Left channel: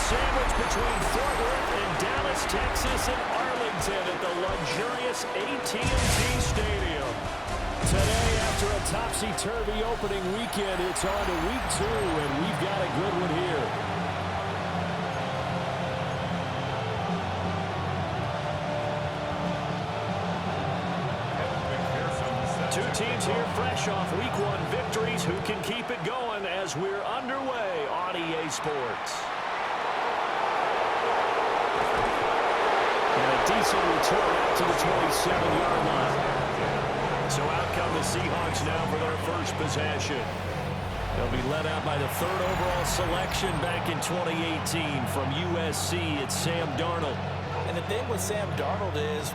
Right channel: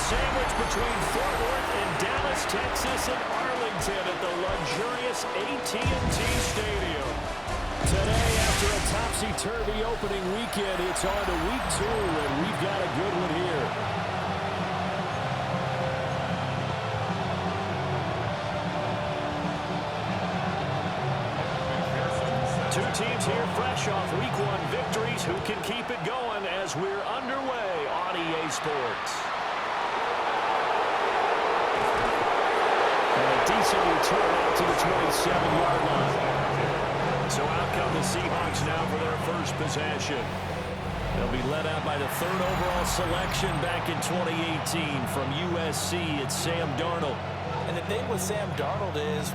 sandwich between Fort Worth and Dallas, Texas, and Arlington at the luxurious AT&T Stadium. Today, after a topsy-turvy opening weekend, it's on to week 2, and we've got a good one here. Two teams here fresh off week 1 victories. Who can keep it going as we're underway on EA Sports? And a decent return out to the 27-yard line. So out come the Seahawks now for their first possession. They'll be led out by the 3rd overall selection back in 2018 from USC. It's Sam Darnold. And the thing with Sam Darnold is,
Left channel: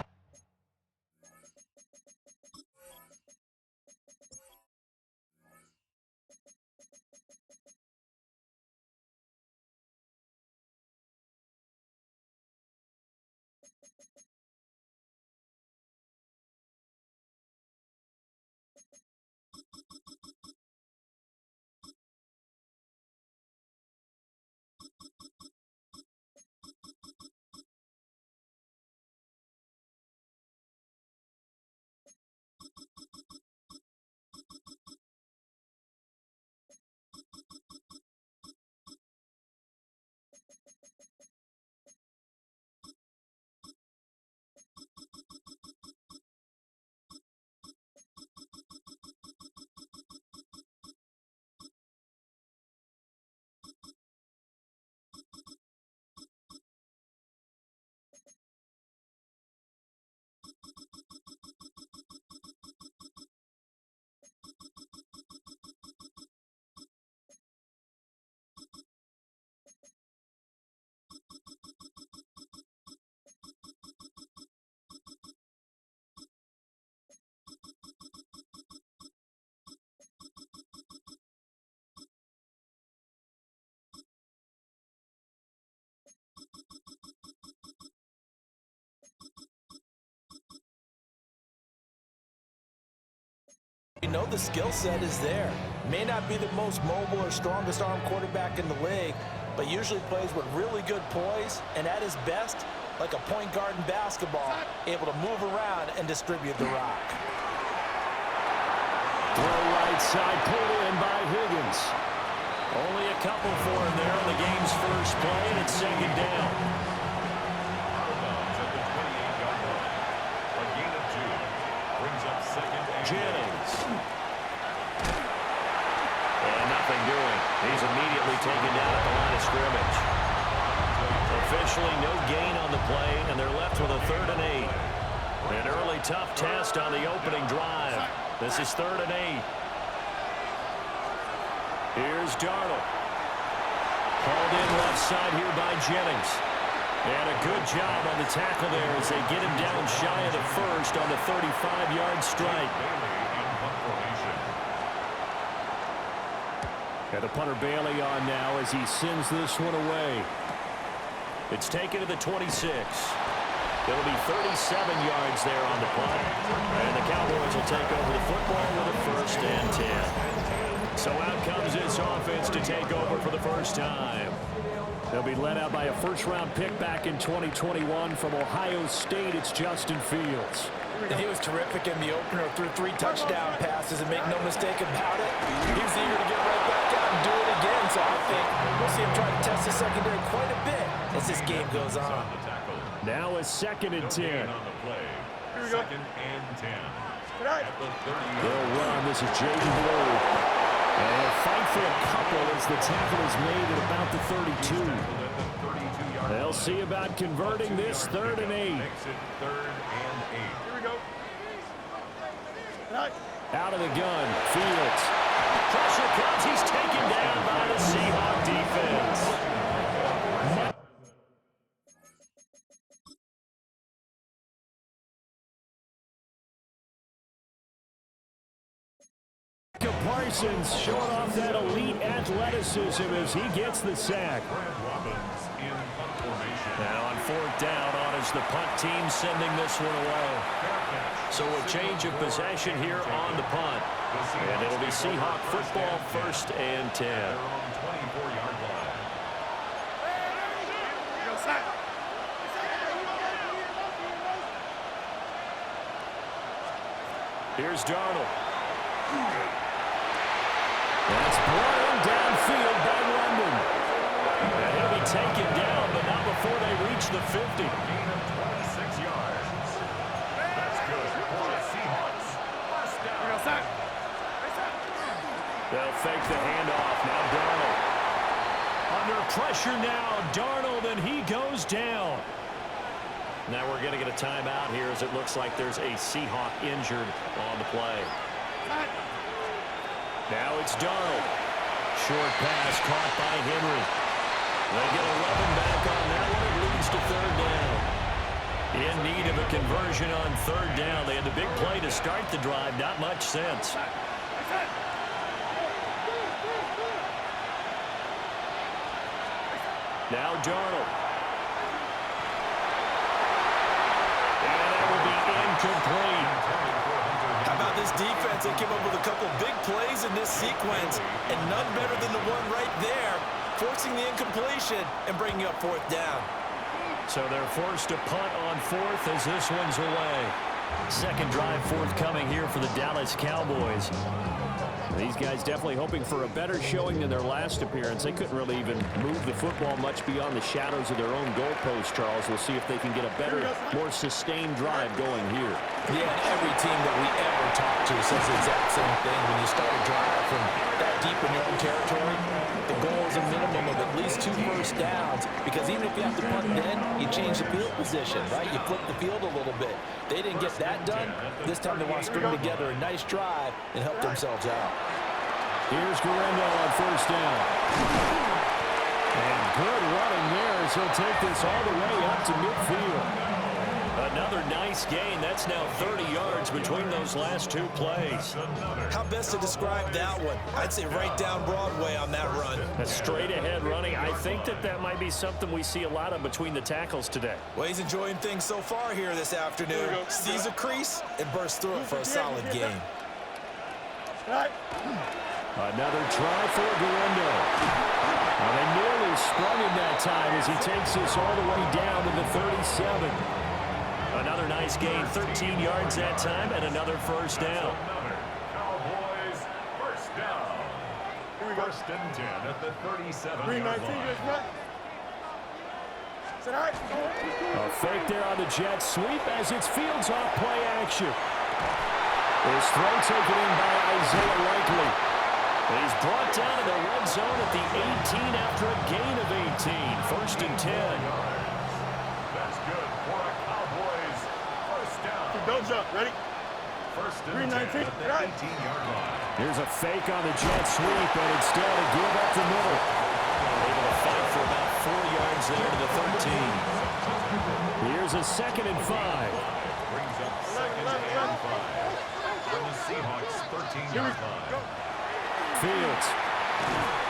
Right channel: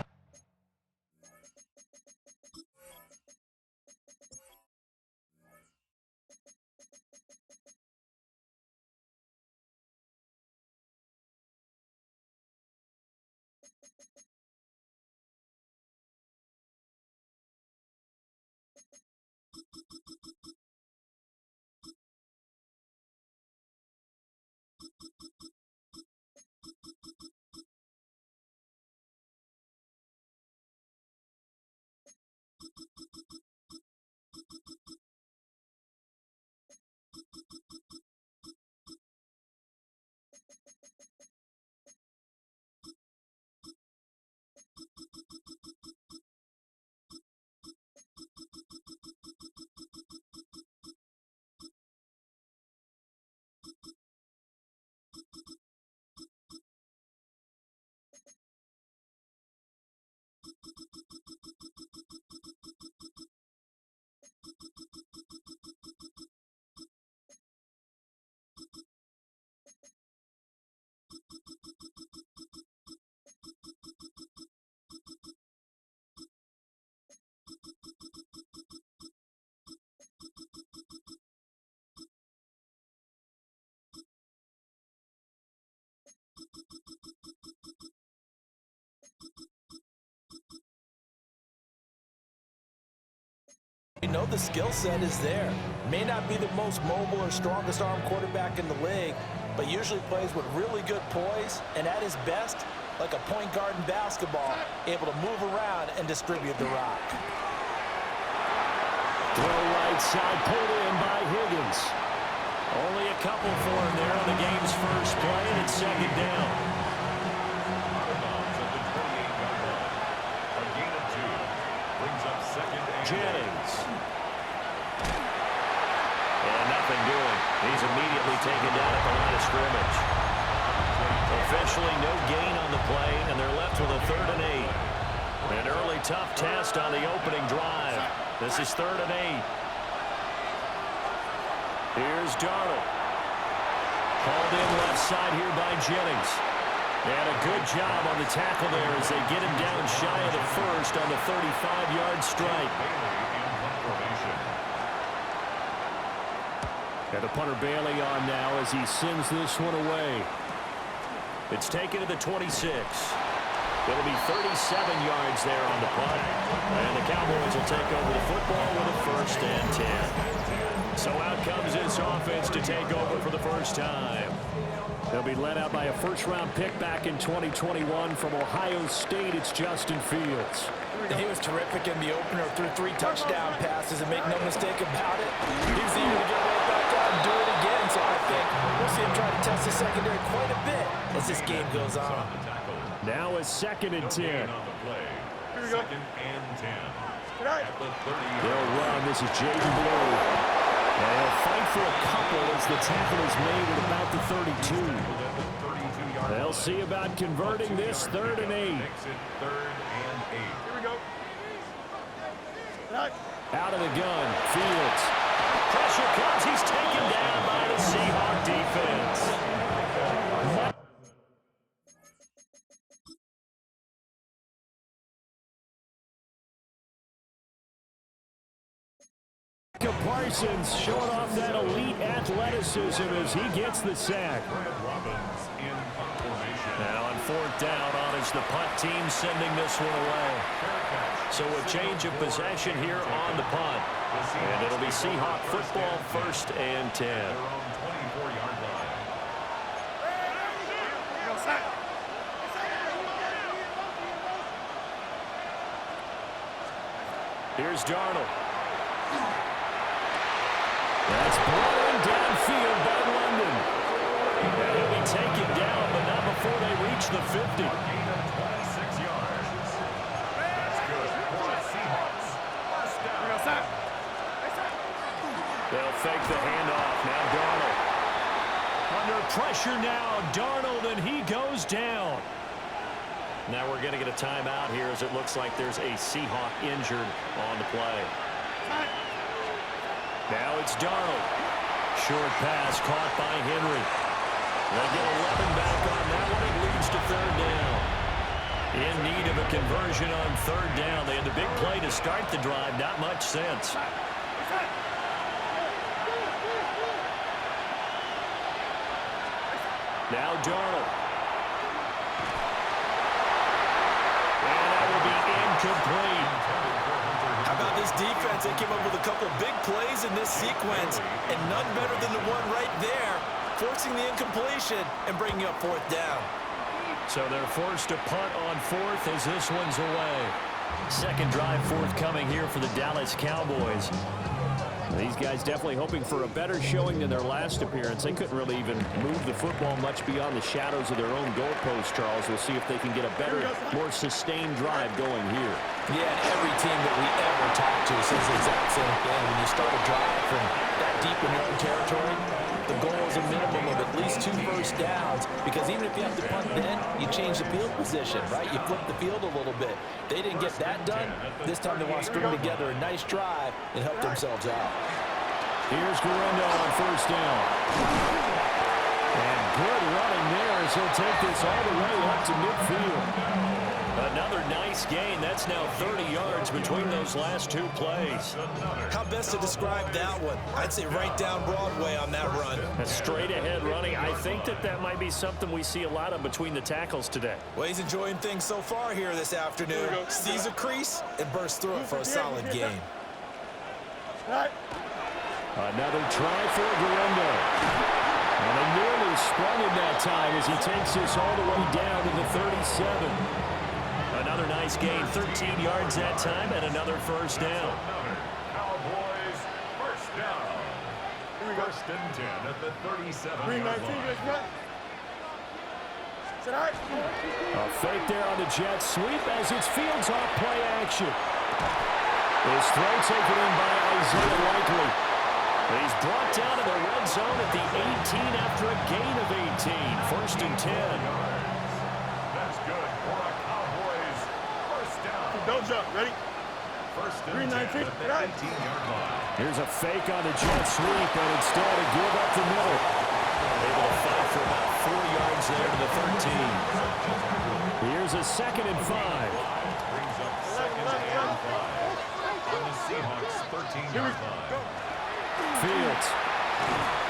you know the skill set is there. May not be the most mobile or strongest arm quarterback in the league, but usually plays with really good poise, and at his best, like a point guard in basketball, able to move around and distribute the rock. Throw right side, pulled in by Higgins. Only a couple for him there on the game's first play, and it's 2nd down. Out of bounds at the 28-yard line. A gain of 2. Brings up 2nd and Jennings. And nothing doing. He's immediately taken down at the line of scrimmage. Officially no gain on the play, and they're left with a 3rd and 8. An early tough test on the opening drive. This is 3rd and 8. Here's Darnold. Hauled in left side here by Jennings. And a good job on the tackle there as they get him down shy of the first on the 35-yard strike. And the punter Bailey on now as he sends this one away. It's taken to the 26. It'll be 37 yards there on the punt. And the Cowboys will take over the football with a 1st and 10. So out comes this offense to take over for the first time. They'll be led out by a 1st-round pick back in 2021 from Ohio State. It's Justin Fields. And he was terrific in the opener, threw 3 touchdown passes, and make no mistake about it, he was eager to get right back out and do it again. So I think we'll see him try to test the secondary quite a bit as this game goes on. Now a 2nd and 10. Here we go. 2nd and 10. At the 30. They'll run. This is Jaden Blue. And he'll fight for a couple as the tackle is made at about the 32. They'll see about converting this 3rd and 8. Makes it 3rd and 8. Here we go. Out of the gun, Fields. Pressure comes. He's taken down by the Seahawk defense. Parsons showing off that elite athleticism as he gets the sack. And on 4th down, on is the punt team sending this one away. So a change of possession here on the punt. And it'll be Seahawk football, 1st and 10. Here's Darnold. That's brought in downfield by London. And he'll be taken down, but not before they reach the 50. A gain of 26 yards. That's good for the Seahawks. First down. They'll fake the handoff. Now Darnold. Under pressure now, Darnold, and he goes down. Now we're going to get a timeout here as it looks like there's a Seahawk injured on the play. Now it's Darnold. Short pass caught by Henry. They get 11 back on that one. It leads to third down. In need of a conversion on third down. They had the big play to start the drive. Not much sense. Now Darnold. And that will be incomplete. How about this defense? They came up with a couple big plays in this sequence, and none better than the one right there, forcing the incompletion and bringing up fourth down. So they're forced to punt on fourth as this one's away. Second drive forthcoming here for the Dallas Cowboys. These guys definitely hoping for a better showing than their last appearance. They couldn't really even move the football much beyond the shadows of their own goalpost, Charles. We'll see if they can get a better, more sustained drive going here. Yeah, and every team that we ever talk to says the exact same thing. When you start a drive from that deep in your own territory, the goal is a minimum of at least 2 first downs, because even if you have to punt then, you change the field position, right? You flip the field a little bit. They didn't get that done. This time they want to string together a nice drive and help themselves out. Here's Guerrero on first down. And good running there as he'll take this all the way up to midfield. Another nice gain. That's now 30 yards between those last 2 plays. How best to describe that one? I'd say right down Broadway on that run. A straight ahead running. I think that might be something we see a lot of between the tackles today. Well, he's enjoying things so far here this afternoon. Sees a crease and bursts through it for a solid gain. Another try for Guerrero. Well, they nearly sprung him that time as he takes this all the way down to the 37. Another nice gain, 13 yards that time, and another first down. Cowboys first down. Here we go. First and 10 at the 37-yard line. A fake there on the jet sweep as it's Fields off play action. This throw taken in by Isaiah Likely. He's brought down to the red zone at the 18 after a gain of 18. First and 10. That's good for a Cowboys first down. Don't jump. Ready? First and 10 at the 18-yard line. Here's a fake on the jet sweep, and instead to give up the middle. Able to fight for about 4 yards there to the 13. Here's a second and 5. Brings up second and 5 on the Seahawks 13-yard line. Fields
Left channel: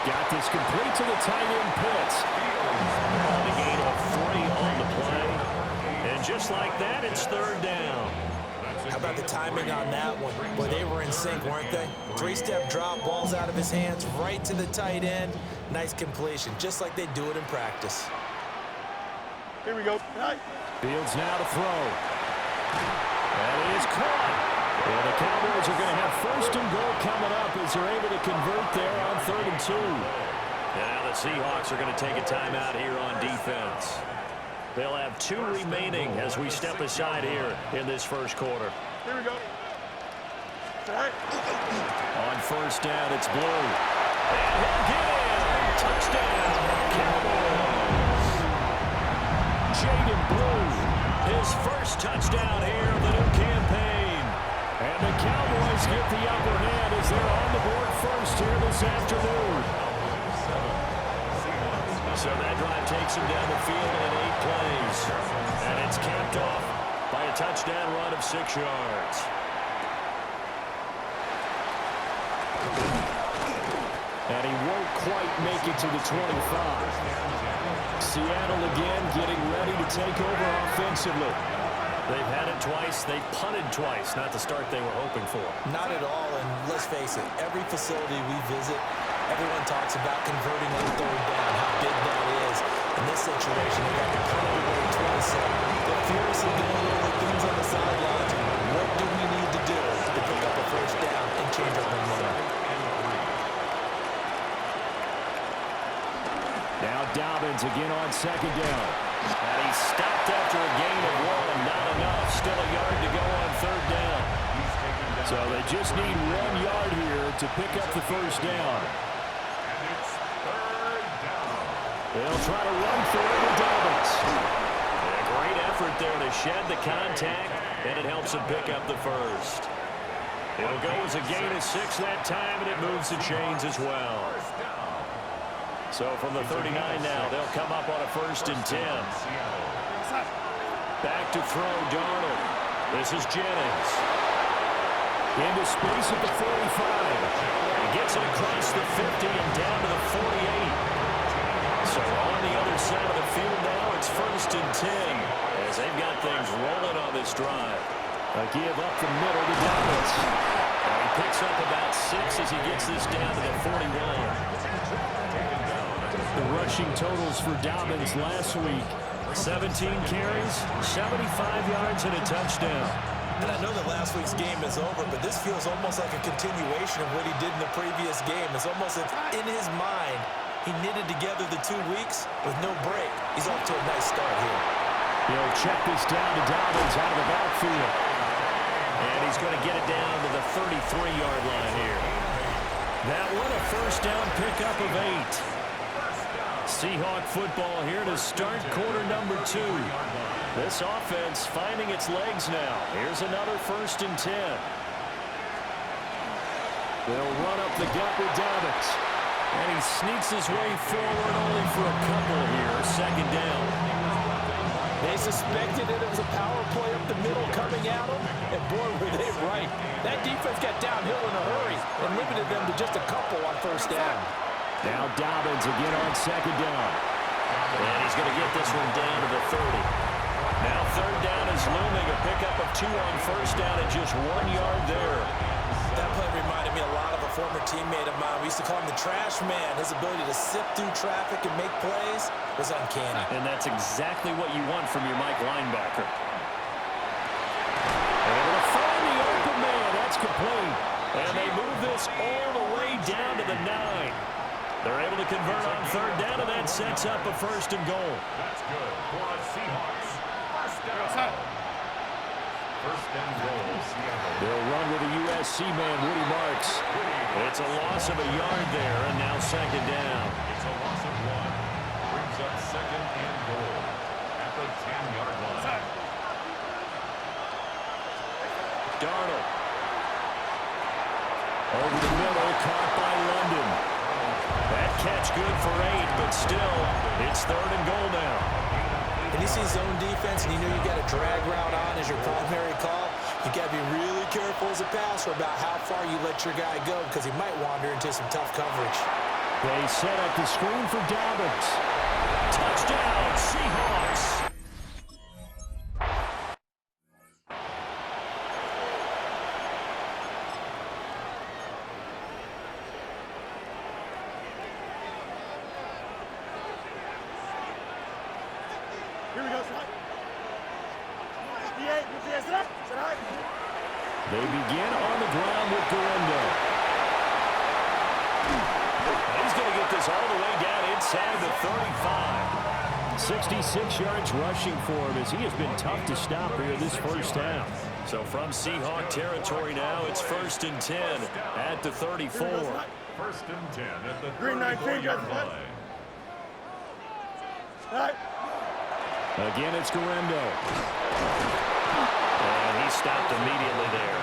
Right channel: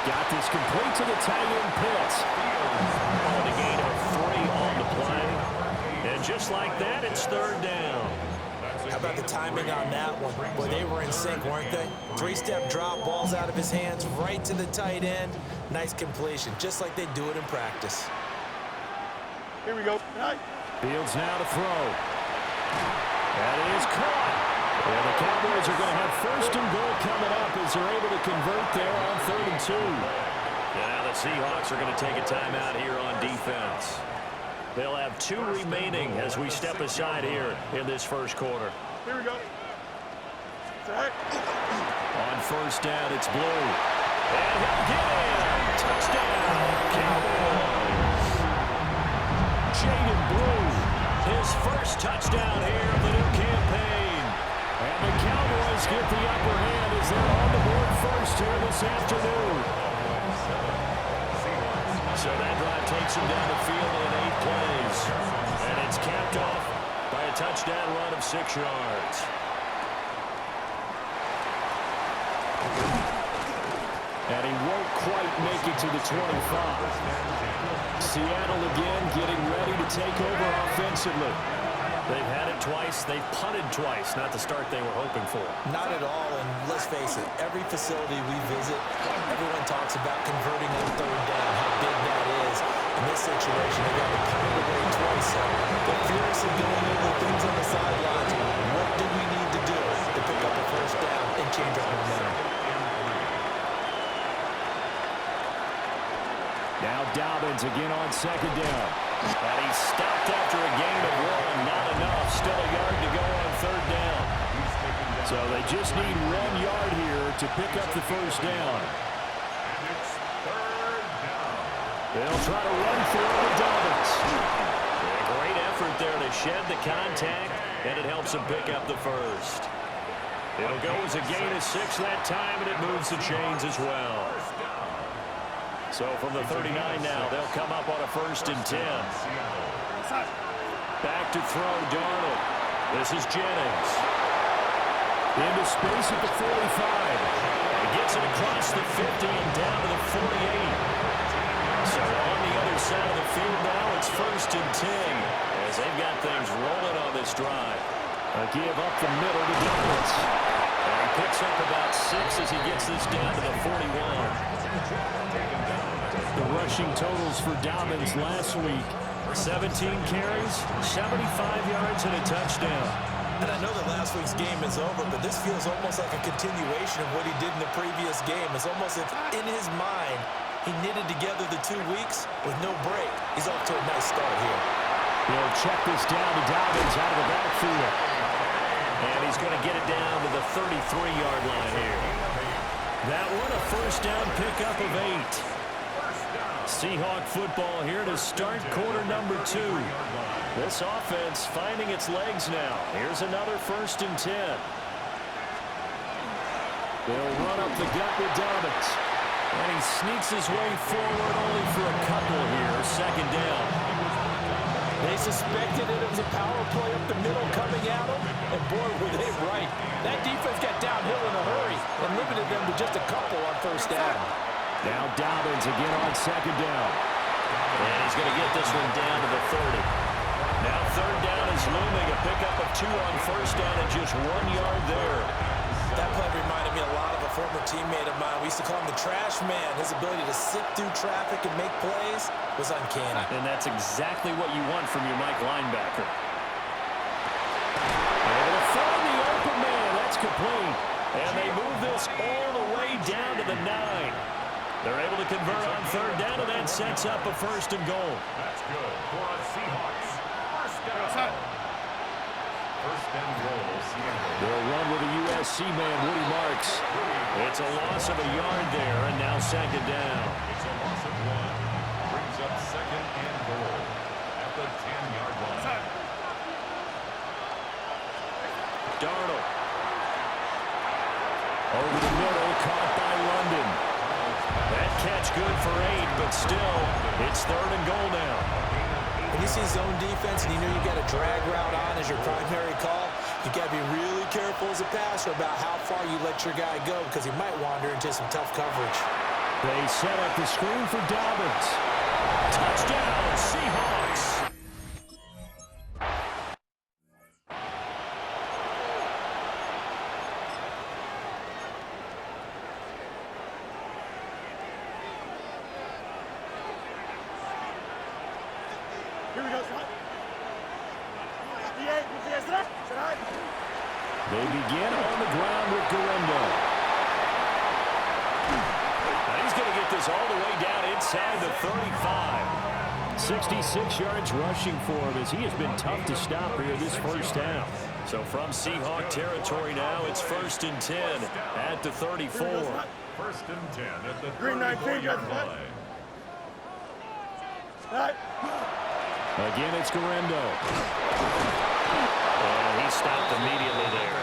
got this complete to the tight end Pitts. On a gain of 3 on the play. And just like that, it's third down. How about the timing on that one? Boy, they were in sync, weren't they? 3-step drop, balls out of his hands, right to the tight end. Nice completion, just like they do it in practice. Here we go. Fields now to throw. That is caught. And the Cowboys are going to have first and goal coming up as they're able to convert there on 3rd and 2. And now the Seahawks are going to take a timeout here on defense. They'll have 2 remaining as we step aside here in this first quarter. Here we go. On first down, it's Blue. And he'll get in. Touchdown, Cowboys. Jaden Blue, his first touchdown here of the new campaign. And the Cowboys get the upper hand as they're on the board first here this afternoon. So that drive takes them down the field in 8 plays. And it's capped off by a touchdown run of 6 yards. And he won't quite make it to the 25. Seattle again getting ready to take over offensively. They've had it twice. They've punted twice. Not the start they were hoping for. Not at all, and let's face it, every facility we visit, everyone talks about converting on third down, how big that is. In this situation, they got to punt it away twice, so they're furiously going over things on the sidelines. What do we need to do to pick up a first down and change our momentum? Now Dobbins again on second down. And he stopped after a gain of 1. Not enough. Still a yard to go on third down. So they just need 1 yard here to pick up the first down. And it's third down. They'll try to run for it with Dobbins. A great effort there to shed the contact, and it helps him pick up the first. It'll go as a gain of 6 that time, and it moves the chains as well. So from the 39 now, they'll come up on a 1st and 10. Back to throw, Darnold. This is Jennings. Into space at the 45. He gets it across the 50 and down to the 48. So on the other side of the field now, it's 1st and 10 as they've got things rolling on this drive. A give up the middle to Dobbins. And he picks up about 6 as he gets this down to the 41. The rushing totals for Dobbins last week: 17 carries, 75 yards, and a touchdown. And I know that last week's game is over, but this feels almost like a continuation of what he did in the previous game. It's almost as if in his mind, he knitted together the 2 weeks with no break. He's off to a nice start here. He'll check this down to Dobbins out of the backfield. And he's going to get it down to the 33-yard line here. That one a first down pickup of 8. Seahawk football here to start quarter number 2. This offense finding its legs now. Here's another 1st and 10. They'll run up the gut with Dobbins. And he sneaks his way forward only for a couple here. 2nd down. They suspected it was a power play up the middle coming at them, and boy, were they right. That defense got downhill in a hurry and limited them to just a couple on 1st down. Now Dobbins again on 2nd down. And he's going to get this one down to the 30. Now 3rd down is looming. A pickup of 2 on 1st down and just 1 yard there. That play reminded me a lot of a former teammate of mine. We used to call him the trash man. His ability to sift through traffic and make plays was uncanny. And that's exactly what you want from your Mike linebacker. Able to find the open man. That's complete. And they move this all the way down to the 9. They're able to convert on 3rd down, and that sets up a 1st and goal. That's good for a Seahawks. First down. 1st and goal, Seattle. They'll run with a USC man, Woody Marks. It's a loss of a yard there, and now 2nd down. It's a loss of 1. Brings up 2nd and goal at the 10-yard line. Darnold. Over the middle, caught by London. That catch good for 8, but still, it's 3rd and goal now. When you see zone defense and you know you've got a drag route on as your primary call, you got to be really careful as a passer about how far you let your guy go because he might wander into some tough coverage. They set up the screen for Dobbins. Touchdown, Seahawks. Here we go, son. 58, They begin on the ground with Guerrero. And he's going to get this all the way down inside the 35. 66 yards rushing for him as he has been tough to stop here this first half. So from Seahawk territory now, it's 1st and 10 at the 34. 1st and 10 at the Green 34-yard line. All right. Again, it's Guerrero. And he stopped immediately there.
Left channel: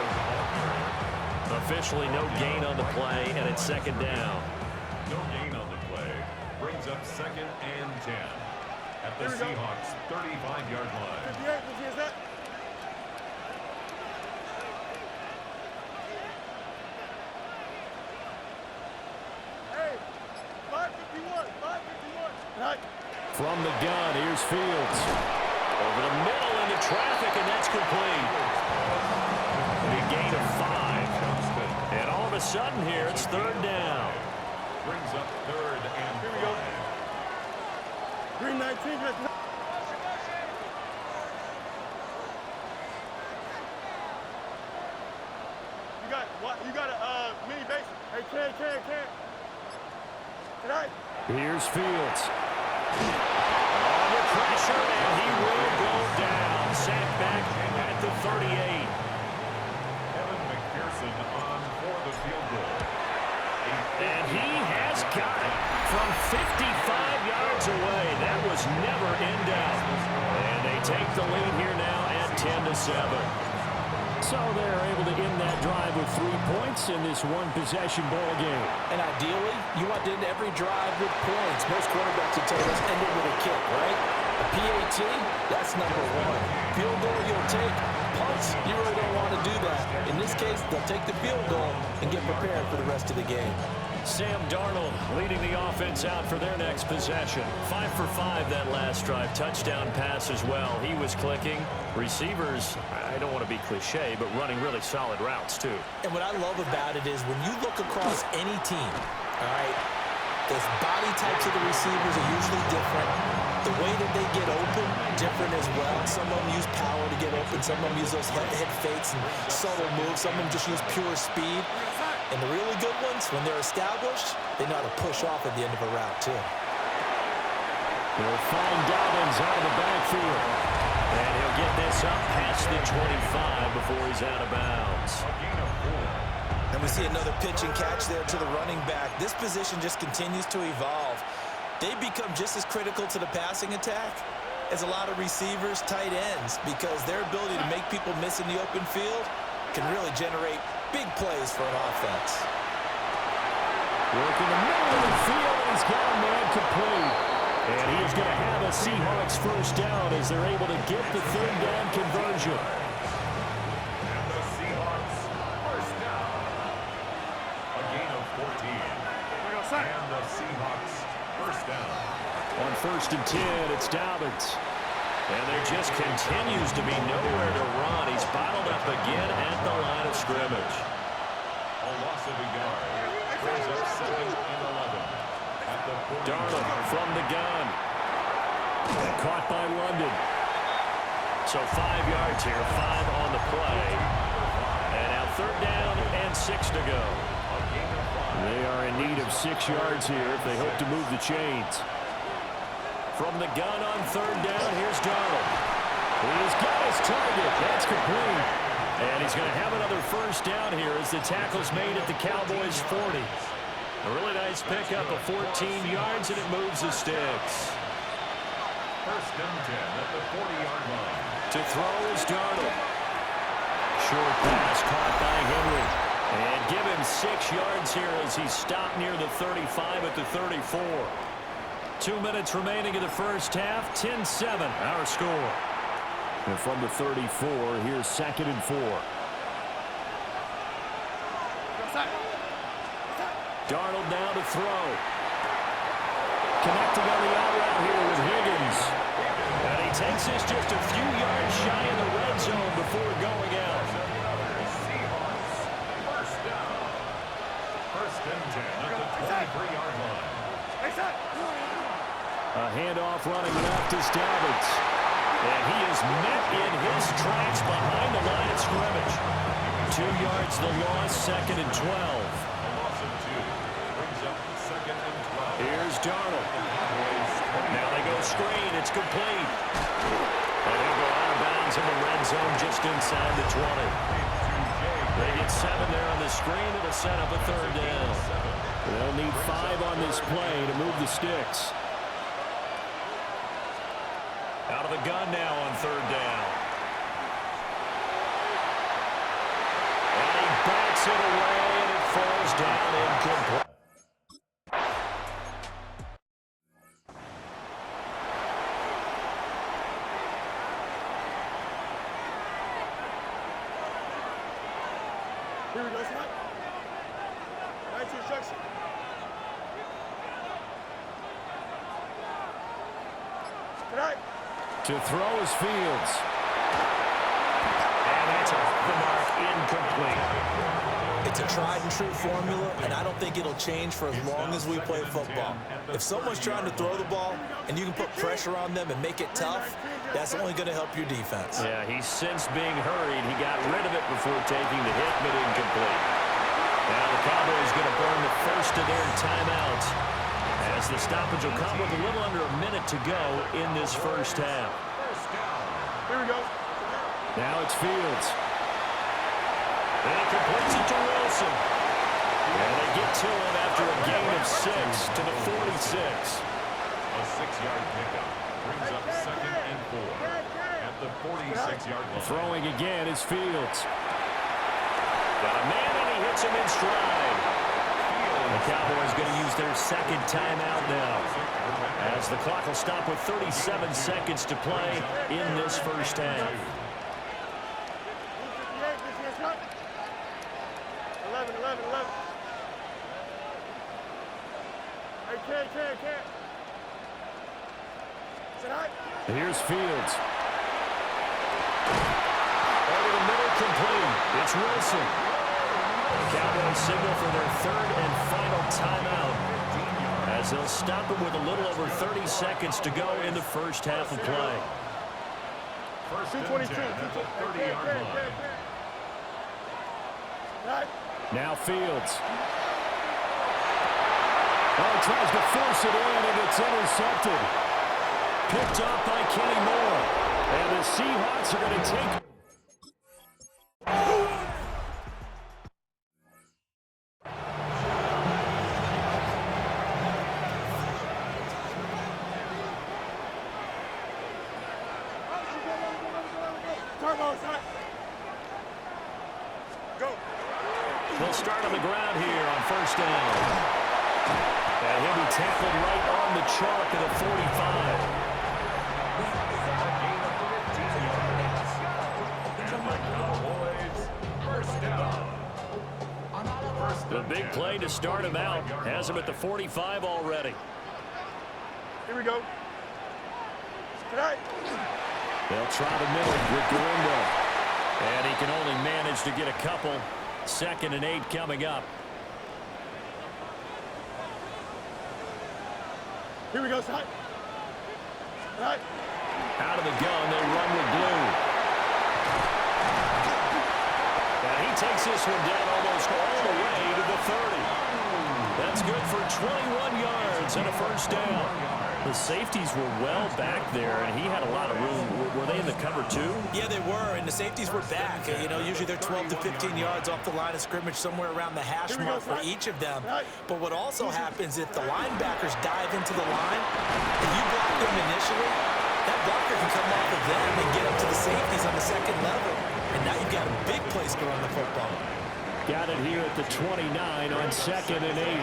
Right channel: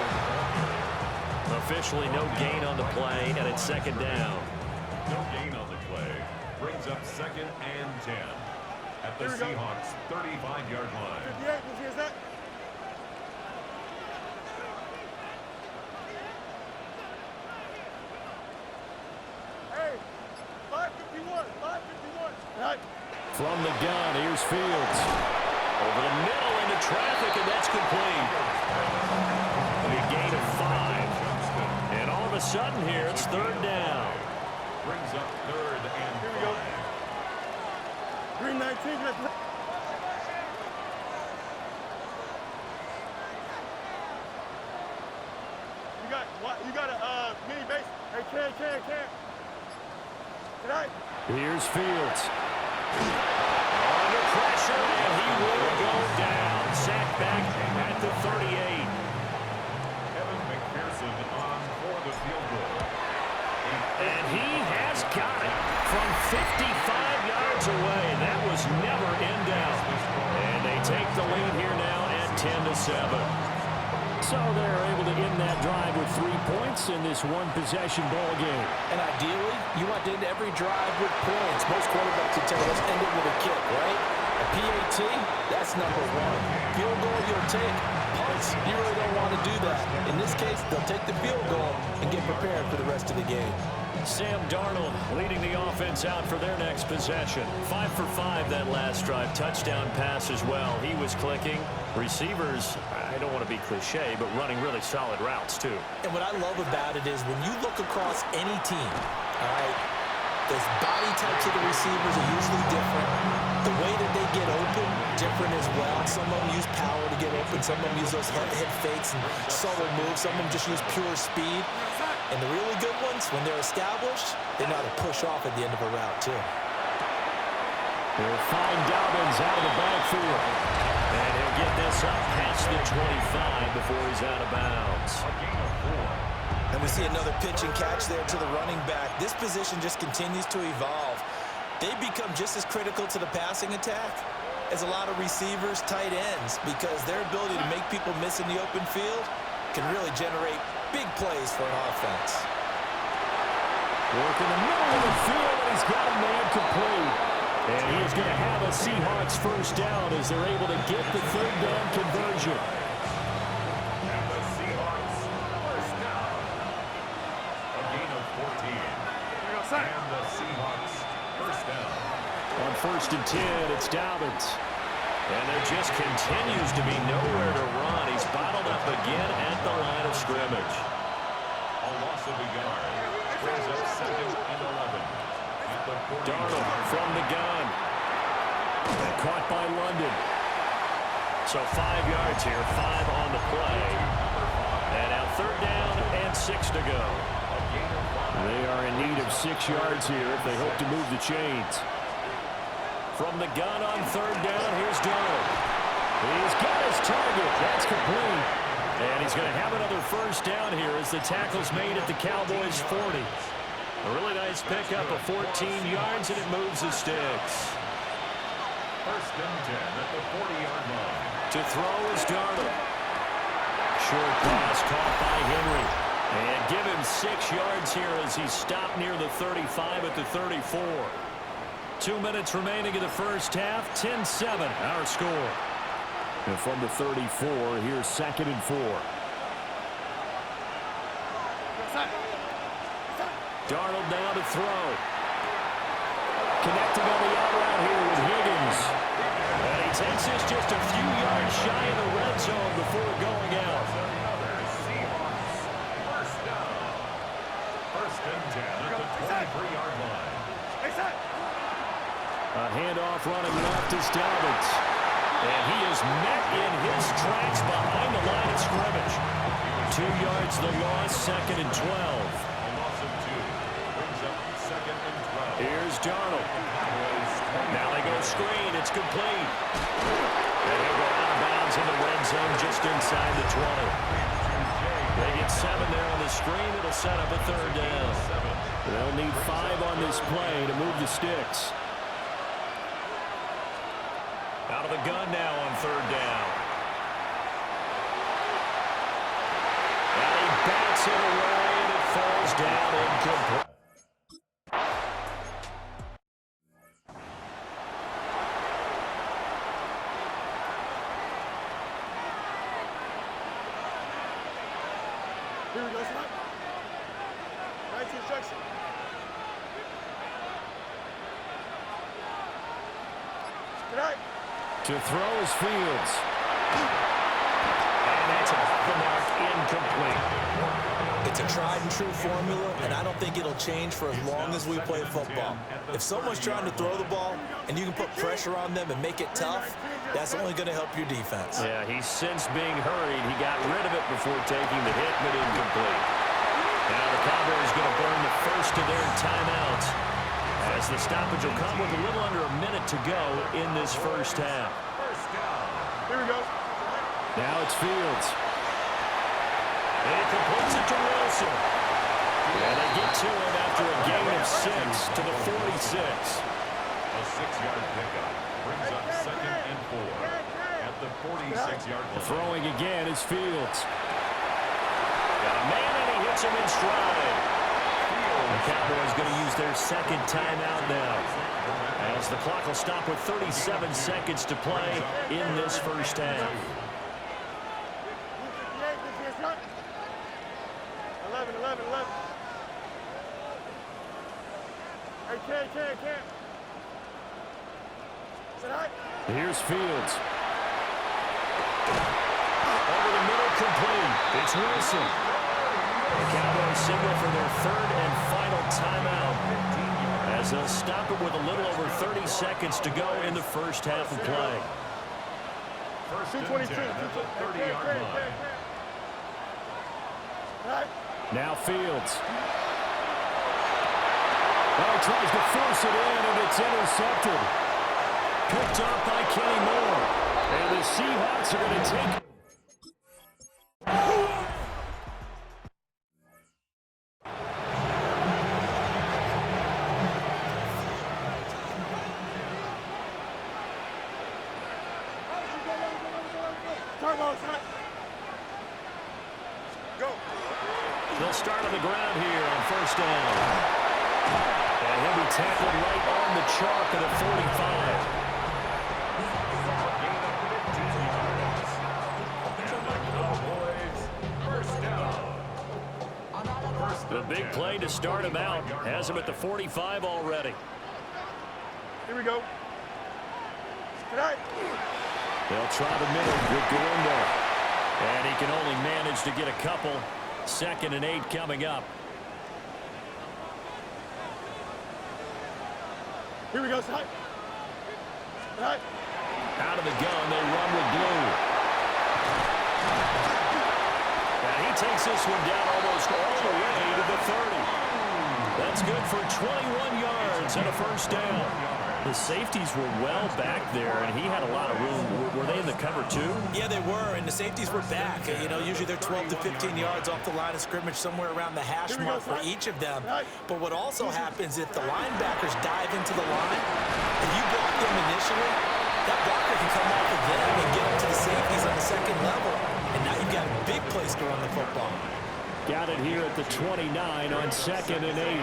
Officially no gain on the play, and it's 2nd down. No gain on the play. Brings up 2nd and 10 at the Seahawks 35-yard line. 58, is that? Hey, 551, 551. All right. From the gun, here's Fields. Over the middle into traffic, and that's complete. A gain of 5. And all of a sudden here, it's third down. Brings up third and Here we go. 5. Green 19. You got a mini base. Hey, can. Tonight. Here's Fields. Under pressure, and he will go down. Sacked back at the 38. Evan McPherson on for the field goal. And he has got it from 55 yards away. That was never in doubt. And they take the lead here now at 10-7. So they're able to end that drive with 3 points in this one-possession ball game. And ideally, you want to end every drive with points. Most quarterbacks would tell you, let's end it with a kick, right? A PAT, that's number 1. Field goal, you'll take. Punts, you really don't want to do that. In this case, they'll take the field goal and get prepared for the rest of the game. Sam Darnold leading the offense out for their next possession. 5 for 5 that last drive. Touchdown pass as well. He was clicking. Receivers, I don't want to be cliche, but running really solid routes too. And what I love about it is when you look across any team, all right, the body types of the receivers are usually different. The way that they get open, different as well. Some of them use power to get open. Some of them use those head fakes and subtle moves. Some of them just use pure speed. And the really good ones, when they're established, they know how to push off at the end of a route, too. He'll find Dobbins out of the backfield. And he'll get this up past the 25 before he's out of bounds. A gain of 4. And we see another pitch and catch there to the running back. This position just continues to evolve. They become just as critical to the passing attack as a lot of receivers, tight ends, because their ability to make people miss in the open field can really generate big plays for an offense. Work in the middle of the field, and he's got a man complete. And he is going to have a Seahawks first down as they're able to get the third down conversion. And the Seahawks first down. A gain of 14. And the Seahawks first down. On 1st and 10, it's Dobbins. And there just continues to be nowhere to run. He's bottled up again at the line of scrimmage. A loss of a yard. Brings up 2nd and 11. At the 40. Darnold from the gun. Caught by London. So 5 yards here, 5 on the play. And now third down and 6 to go. They are in need of 6 yards here if they hope to move the chains. From the gun on third down, here's Darnold. He's got his target. That's complete. And he's going to have another first down here as the tackle's made at the Cowboys' 40. A really nice pickup of 14 yards, and it moves the sticks. 1st and 10 at the 40-yard line. To throw is Darnold. Short pass caught by Henry. And give him 6 yards here as he's stopped near the 35 at the 34. 2 minutes remaining in the first half. 10-7, our score. And from the 34, here's 2nd and 4. Darnold now to throw. Connecting on the out route here with Higgins. And he takes this just a few yards shy of the red zone before going out. Another Seahawks first down. 1st and 10 at the 23-yard line. A handoff running left is Dobbins. And he is met in his tracks behind the line of scrimmage. 2 yards the loss, 2nd and 12. A loss of 2. Brings up 2nd and 12. Here's Darnold. Now they go screen. It's complete. And he'll go out of bounds in the red zone just inside the 20. They get 7 there on the screen. It'll set up a third down. They'll need 5 on this play to move the sticks. Out of the gun now on third down. And he bats it away, and it falls down incomplete. Here we go, son. 19 instruction. Tonight. To throw is Fields. And that's off the mark, incomplete. It's a tried-and-true formula, and I don't think it'll change for as long as we play football. If someone's trying to throw the ball and you can put pressure on them and make it tough, that's only going to help your defense. Yeah, he's since being hurried. He got rid of it before taking the hit, but incomplete. Now the Cowboys going to burn the first of their timeouts, as the stoppage will come with a little under a minute to go in this first half. Here we go. Now it's Fields. And he completes it to Wilson. And they get to him after a gain of 6 to the 46. A 6-yard pickup brings up 2nd and 4 at the 46-yard line. Throwing again is Fields. Got a man, and he hits him in stride. The Cowboys going to use their second timeout now, as the clock will stop with 37 seconds to play in this first half. 11. Hey, can't. Sit high. Here's Fields. Over the middle, complete. It's Wilson. The Cowboys signal for their third and final timeout, as they'll stop it with a little over 30 seconds to go in the first half of play. First and 222. 10 at the 30-yard line. Right. Now Fields. Oh, tries to force it in, and it's intercepted. Picked off by Kenny Moore. And the Seahawks are going to take... They'll start on the ground here on first down. And he'll be tackled right on the chalk of the 45. A gain of 15 yards. And the Cowboys first down. The big play to start him out has him at the 45 already. Here we go. Tonight. They'll try the middle with Galindo. And he can only manage to get a couple. 2nd and 8 coming up. Here we go, side. Right. Out of the gun, they run with Blue. And he takes this one down almost all the way to the 30. That's good for 21 yards and a first down. The safeties were well back there, and he had a lot of room. Were they in the cover too? Yeah, they were, and the safeties were back. You know, usually they're 12 to 15 yards off the line of scrimmage, somewhere around the hash mark for each of them. But what also happens if the linebackers dive into the line, if you block them initially, that blocker can come off of them and get up to the safeties on the second level. And now you've got a big place to run the football. Got it here at the 29 on 2nd and 8.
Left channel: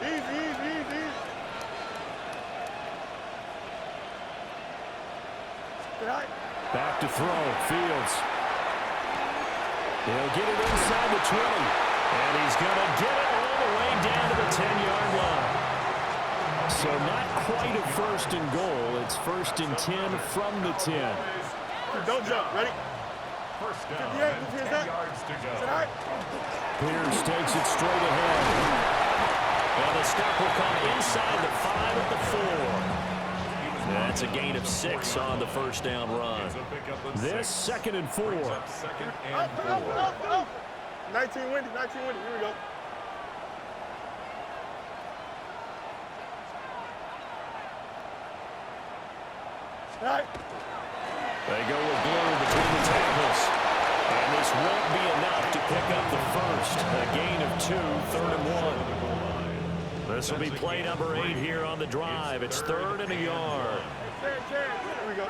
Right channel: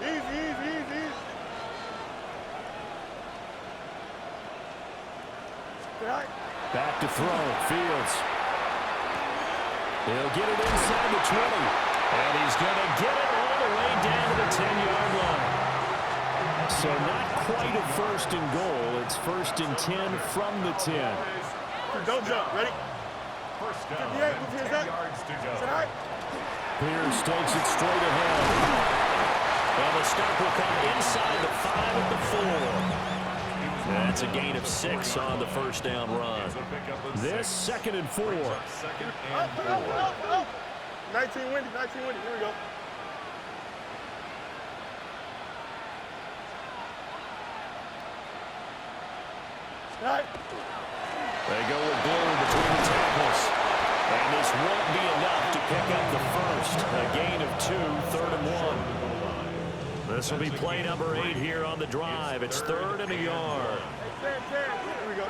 Easy. Back to throw. Fields. He'll get it inside the 20. And he's going to get it all the way down to the 10-yard line. So not quite a first and goal. It's 1st and 10 from the 10. Don't jump. Ready? First down, 58, and move his 10 up. yards to go. Sit high. Pierce takes it straight ahead. And the stop will come inside the 5 at the 4. That's a gain of 6 on the first down run. This 2nd and 4. Second and 4. Up. 19 windy. Here we go. Right. They go with Blue between the tackles. And this won't be enough to pick up the first. A gain of 2, 3rd and 1. This will be play number 8 here on the drive. It's 3rd and a yard. Here we go.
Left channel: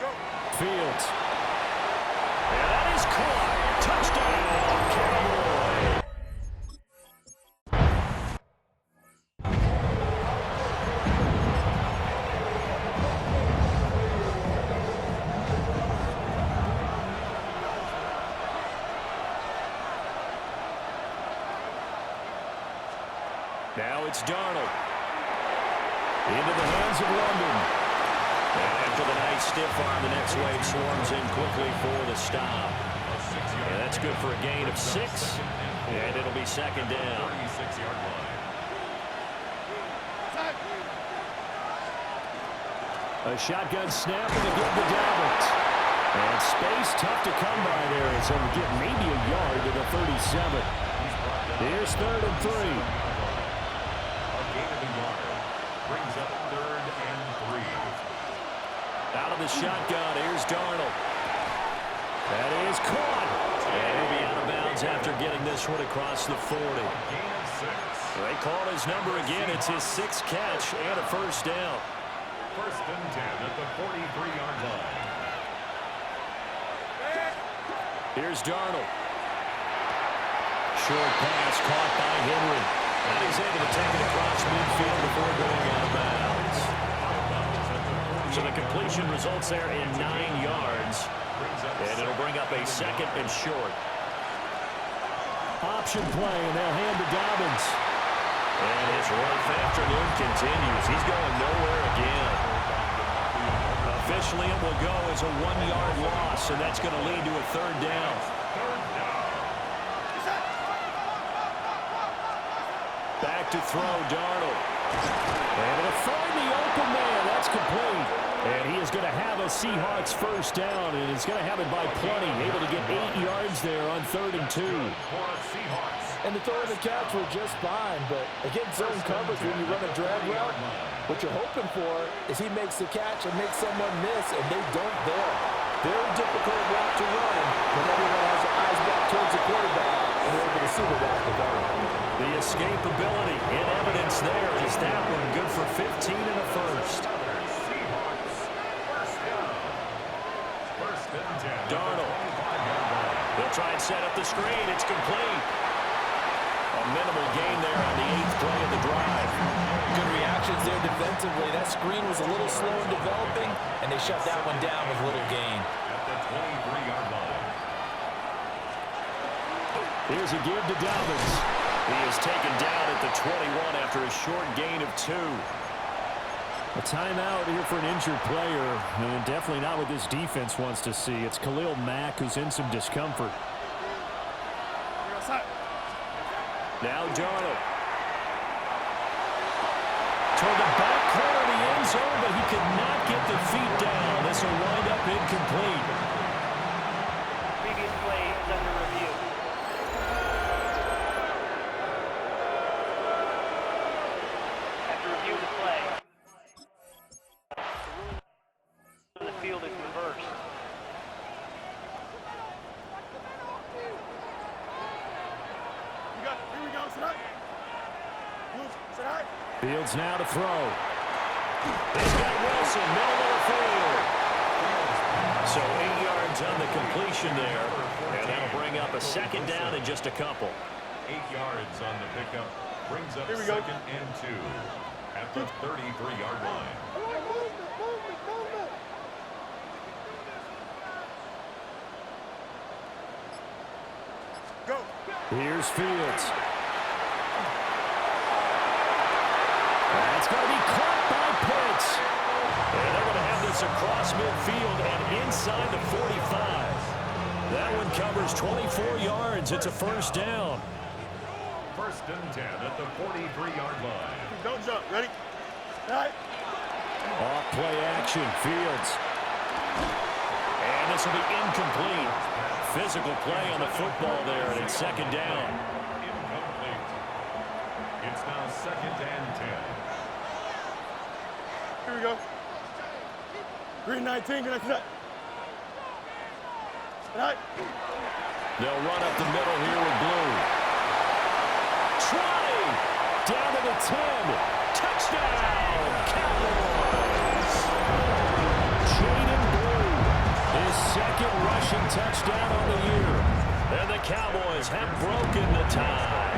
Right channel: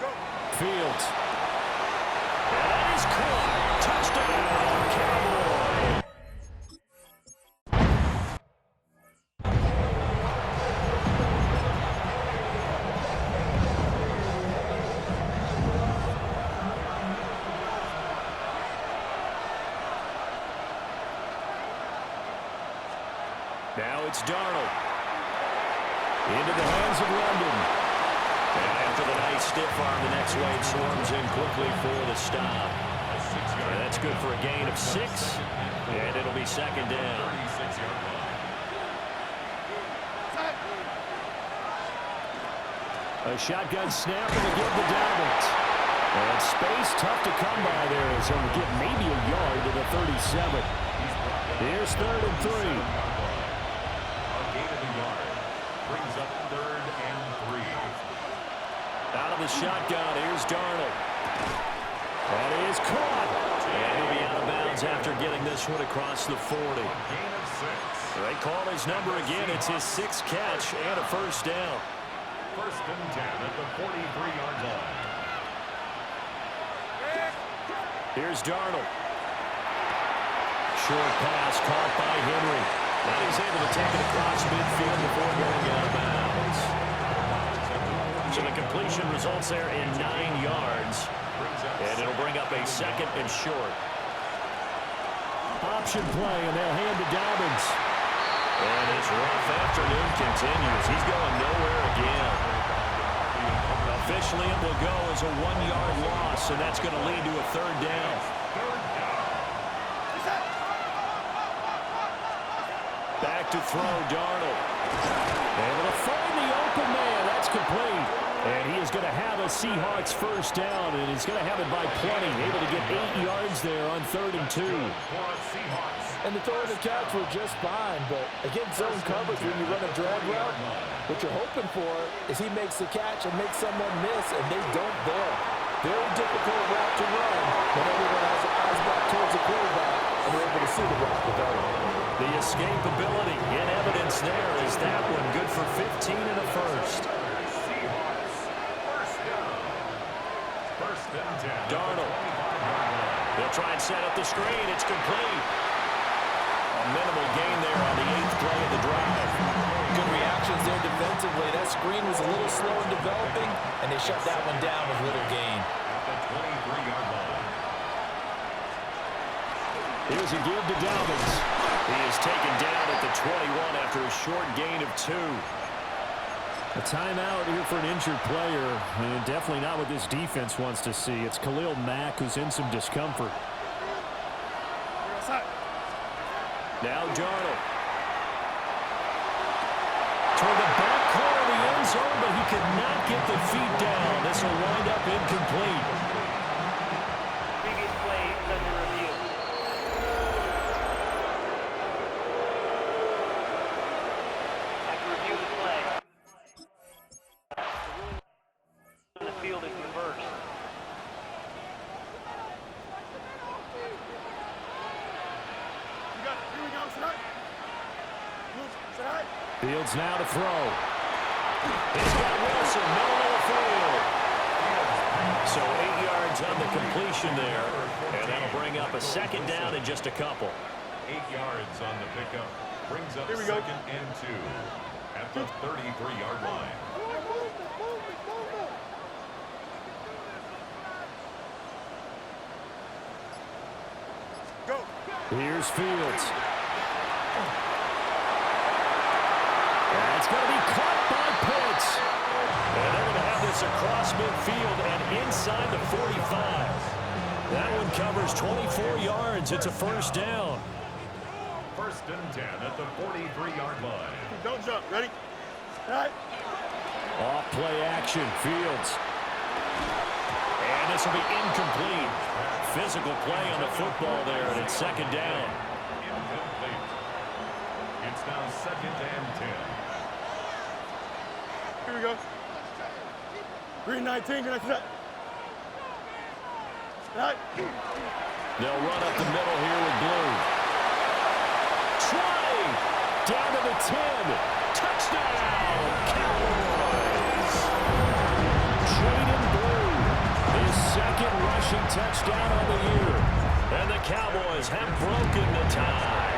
Go. Fields. And that is caught. Touchdown, Cowboys. Now it's Darnold. Into the hands of London. And after the nice stiff arm, the next wave swarms in quickly for the stop. And that's good for a gain of 6. And it'll be second down. 36-yard line. A shotgun snap and again to Dobbins. And space tough to come by there as he'll get maybe a yard to the 37. Here's 3rd and 3. A gain of a yard. Brings up 3rd and 3. Out of the shotgun, here's Darnold. That is caught. And he'll be out of bounds after getting this one across the 40. Gain of 6. They call his number again. It's his 6th catch and a first down. 1st and 10 at the 43-yard line. Here's Darnold. Short pass caught by Henry. And he's able to take it across midfield before going out of bounds. So the completion results there in 9 yards. And it'll bring up a 2nd and short. Option play, and they'll hand to Dobbins. And his rough afternoon continues. He's going nowhere again. Officially, it will go as a 1-yard loss, and that's going to lead to a 3rd down. Back to throw, Darnold. Able to find the open man. That's complete. And he is going to have a Seahawks first down, and he's going to have it by plenty. Able to get 8 yards there on 3rd and 2. And the throw and the catch were just fine, but against zone coverage when you run a drag route, what you're hoping for is he makes the catch and makes someone miss, and they don't there. Very difficult route to run when everyone has their eyes back towards the quarterback and they're able to see the route develop. The escapability in evidence there is that one good for 15 and a first. Darnold. They'll try and set up the screen. It's complete. A minimal gain there on the 8th play of the drive. Good reactions there defensively. That screen was a little slow in developing, and they shut that one down with little gain. At the 23-yard line. Here's a give to Dobbins. He is taken down at the 21 after a short gain of 2. A timeout here for an injured player, and definitely not what this defense wants to see. It's Khalil Mack who's in some discomfort. Now Darnold. Toward the back corner of the end zone, but he could not get the feet down. This will wind up incomplete. Previous play is under review. After review of the play, the ruling on the field is reversed. Here we go, tonight. Fields now to throw. He's got Wilson, middle of the field. So 8 yards on the completion there, and that'll bring up a 2nd down in just a couple. 8 yards on the pickup. Brings up 2nd and 2 at the 33-yard line. Go. Here's Fields. That's going to be caught by Pitts. And they're going to have this across midfield and inside the 45. That one covers 24 yards. It's a first down. 1st and 10 at the 43-yard line. Don't jump. Ready? All right. Off play action. Fields. And this will be incomplete. Physical play on the football there, and it's 2nd down. Incomplete. It's now 2nd and 10. Here we go. Green 19, green 19. All right. They'll run up the middle here with blue. 20. Down to the 10. Touchdown, Cowboys. Jaden Blue, his 2nd rushing touchdown on the year. And the Cowboys have broken the tie.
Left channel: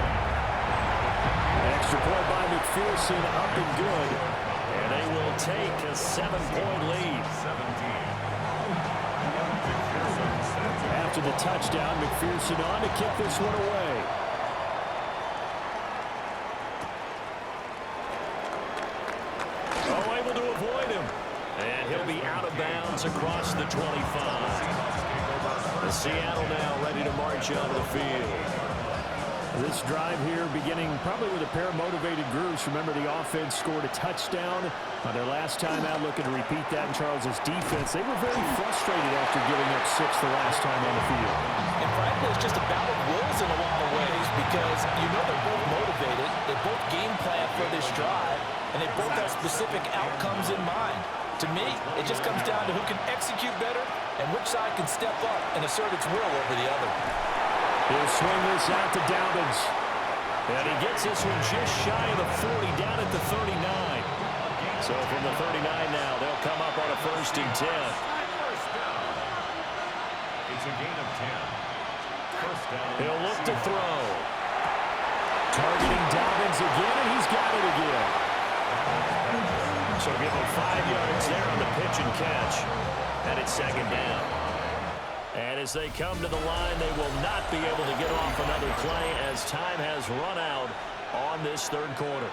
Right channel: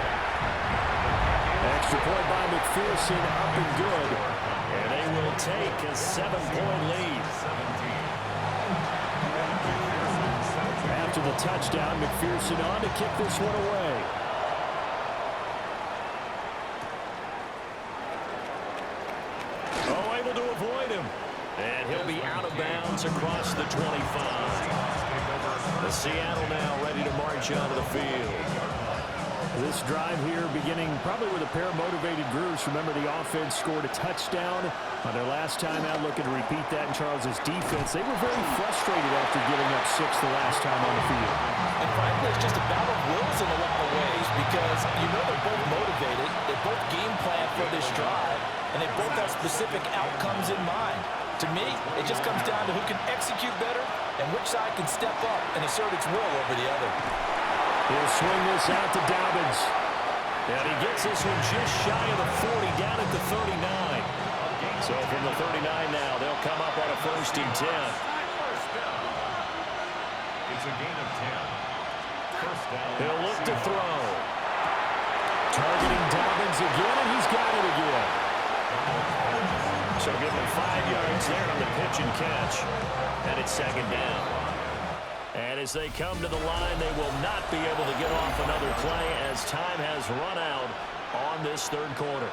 Extra point by McPherson, up and good. And they will take a 7-point lead. 17. After the touchdown, McPherson on to kick this one away. Oh, able to avoid him. And he'll be out of bounds across the 25. The Seattle now ready to march onto the field. This drive here beginning probably with a pair of motivated groups. Remember, the offense scored a touchdown on their last time out, looking to repeat that in Charles's defense. They were very frustrated after giving up 6 the last time on the field. And frankly, it's just a battle of wills in a lot of ways because you know they're both motivated. They both game plan for this drive, and they both have specific outcomes in mind. To me, it just comes down to who can execute better and which side can step up and assert its will over the other. He'll swing this out to Dobbins. And he gets this one just shy of the 40, down at the 39. So from the 39 now, they'll come up on a 1st and 10. It's a gain of 10. First down. He'll look to throw. Targeting Dobbins again, and he's got it again. So give him 5 yards there on the pitch and catch. And it's 2nd down. And as they come to the line, they will not be able to get off another play as time has run out on this 3rd quarter.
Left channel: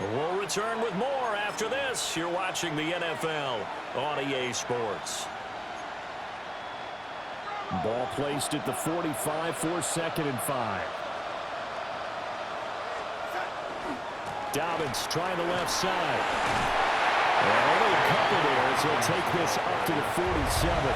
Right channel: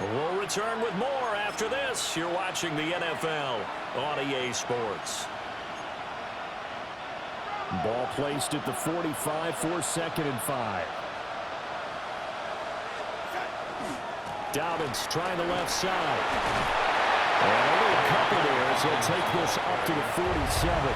We'll return with more after this. You're watching the NFL on EA Sports. Ball placed at the 45 for 2nd and 5. Dobbins trying the left side. And only a couple there as he'll take this up to the 47.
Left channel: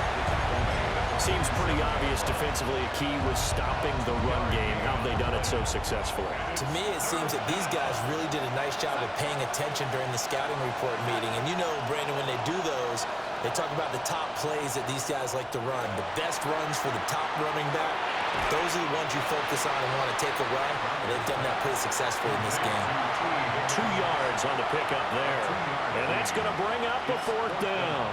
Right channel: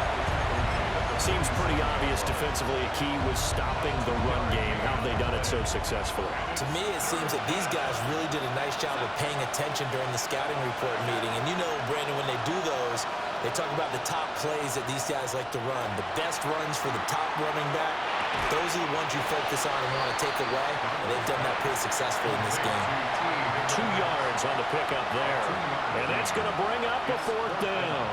Seems pretty obvious defensively a key was stopping the run game. How have they done it so successfully? To me, it seems that these guys really did a nice job of paying attention during the scouting report meeting. And you know, Brandon, when they do those, they talk about the top plays that these guys like to run. The best runs for the top running back, those are the ones you focus on and want to take away. And they've done that pretty successfully in this game. 2 yards on the pickup there. And that's going to bring up a 4th down.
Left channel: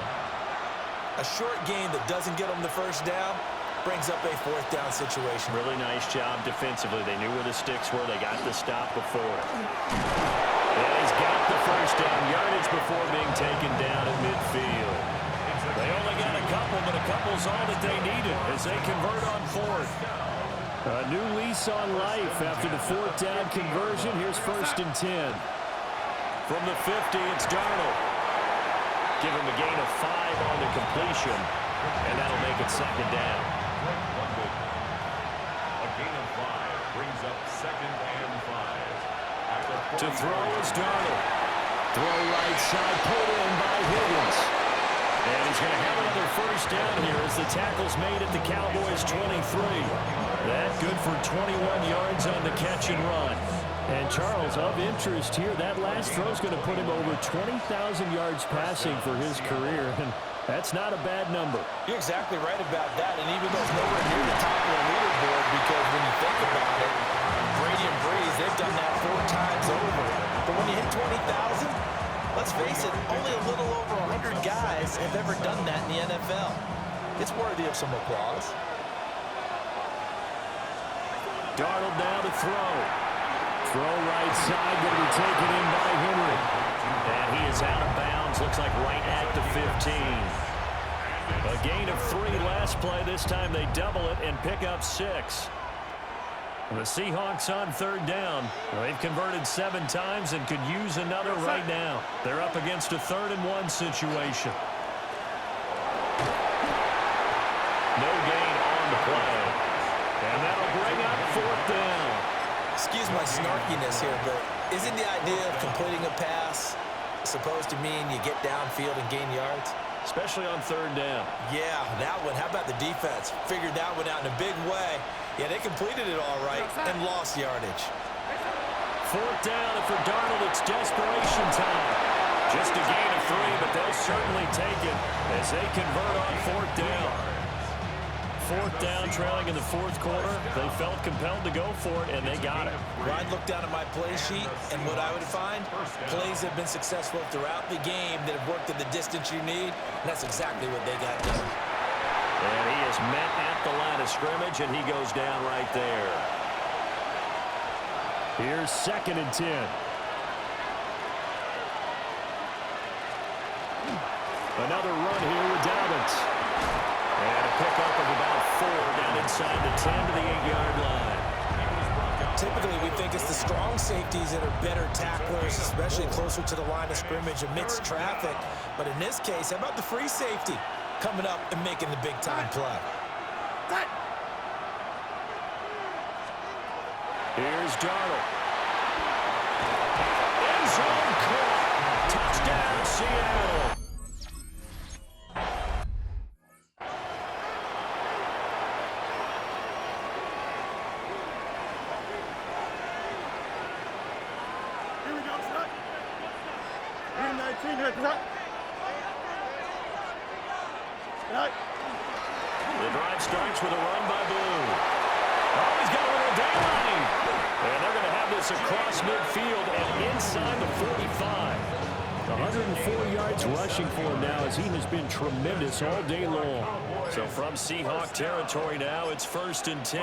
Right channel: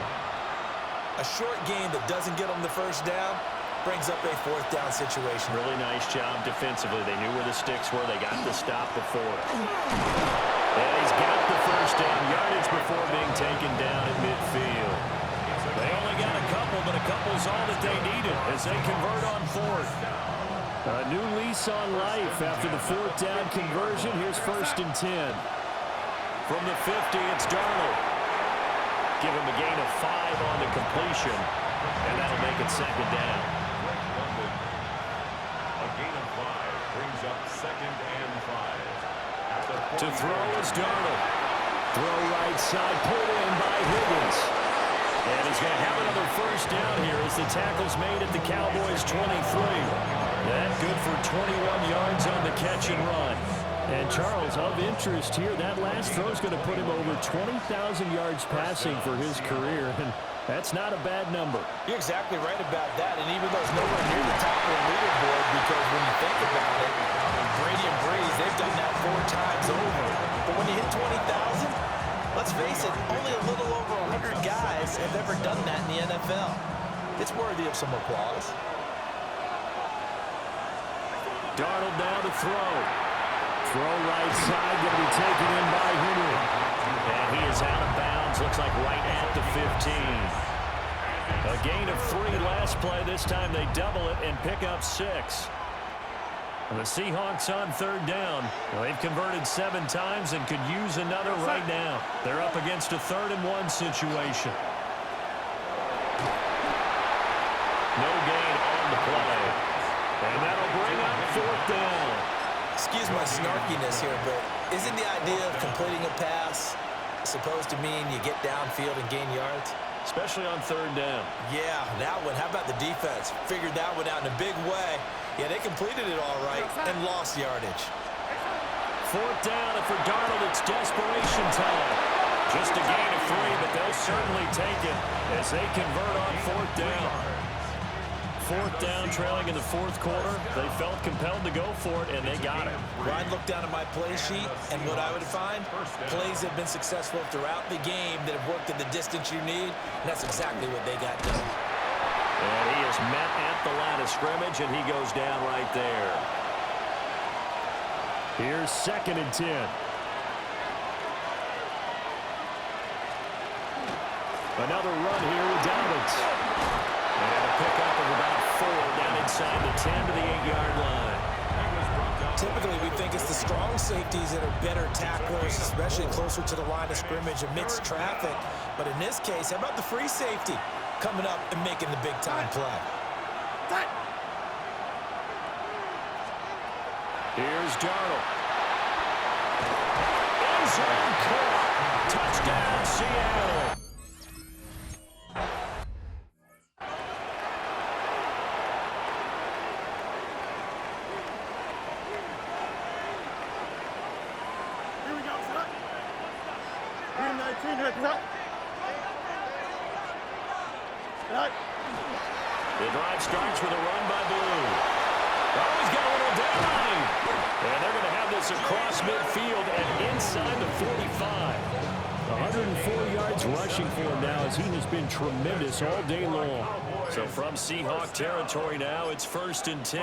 A short game that doesn't get them the 1st down brings up a 4th down situation. Really nice job defensively. They knew where the sticks were. They got the stop before it. And he's got the 1st down yardage before being taken down at midfield. They only got a couple, but a couple's all that they needed as they convert on 4th. A new lease on life after the 4th down conversion. Here's 1st and 10. From the 50, it's Darnold. Give him a gain of 5 on the completion, and that'll make it 2nd down. A gain of 5 brings up 2nd and 5. To throw is Darnold. Throw right side, pulled in by Higgins. And he's going to have another 1st down here as the tackle's made at the Cowboys' 23. That good for 21 yards on the catch and run. And Charles, of interest here, that last throw is going to put him over 20,000 yards passing for his career, and that's not a bad number. You're exactly right about that, and even though it's nowhere near the top of the leaderboard, because when you think about it, Brady and Breeze, they've done that 4 times over. But when you hit 20,000, let's face it, only a little over 100 guys have ever done that in the NFL. It's worthy of some applause. Darnold now to throw. Throw right side, going to be taken in by Henry. And he is out of bounds, looks like right at the 15. A gain of 3 last play. This time they double it and pick up 6. The Seahawks on 3rd down. Well, they've converted 7 times and could use another right now. They're up against a 3rd and 1 situation. No gain on the play. And that'll bring up 4th down. Excuse my snarkiness here, but isn't the idea of completing a pass supposed to mean you get downfield and gain yards? Especially on 3rd down. Yeah, that one. How about the defense? Figured that one out in a big way. Yeah, they completed it all right and lost yardage. 4th down, and for Darnold, it's desperation time. Just a gain of 3, but they'll certainly take it as they convert on 4th down. 4th down, trailing in the 4th quarter. They felt compelled to go for it, and they got it. Well, I'd look down at my play sheet, and what I would find, plays have been successful throughout the game that have worked at the distance you need, and that's exactly what they got done. And he is met at the line of scrimmage, and he goes down right there. Here's 2nd and 10. Another run here with Dobbins. And a pickup of about 4 down inside the 10 to the 8-yard line. Typically, we think it's the strong safeties that are better tacklers, especially closer to the line of scrimmage amidst traffic. But in this case, how about the free safety coming up and making the big-time play? Here's Darnold. End zone caught. Touchdown, Seattle. Here we go, son. 319 here, cut. Right. The drive starts with a run by Blue. Oh, he's got a little daylight. And they're going to have this across midfield and inside the 45. 104 yards rushing for him now as he has been tremendous all day long. So from Seahawk territory now, it's 1st and 10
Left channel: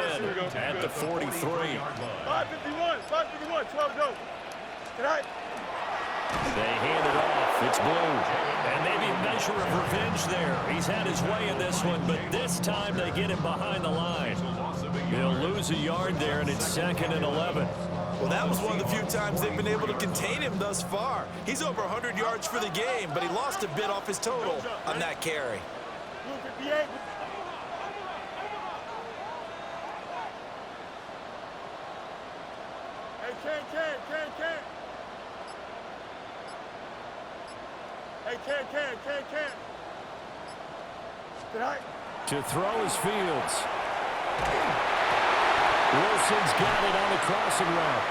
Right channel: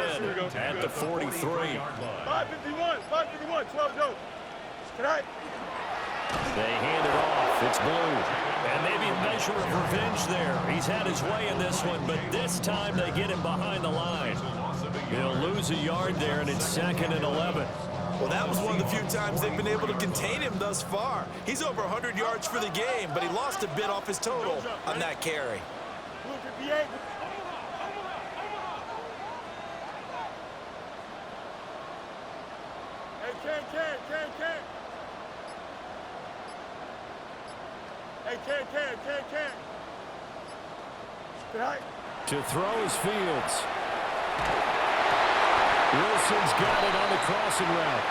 at the 43. 551, 12 go. Tonight. They hand it off. It's Blue. And maybe a measure of revenge there. He's had his way in this one, but this time they get him behind the line. He'll lose a yard there, and it's 2nd and 11. Well, that was one of the few times they've been able to contain him thus far. He's over 100 yards for the game, but he lost a bit off his total on that carry. Blue 58. Hey, can. Hey, can. Tonight. To throw is Fields. Wilson's got it on the crossing route.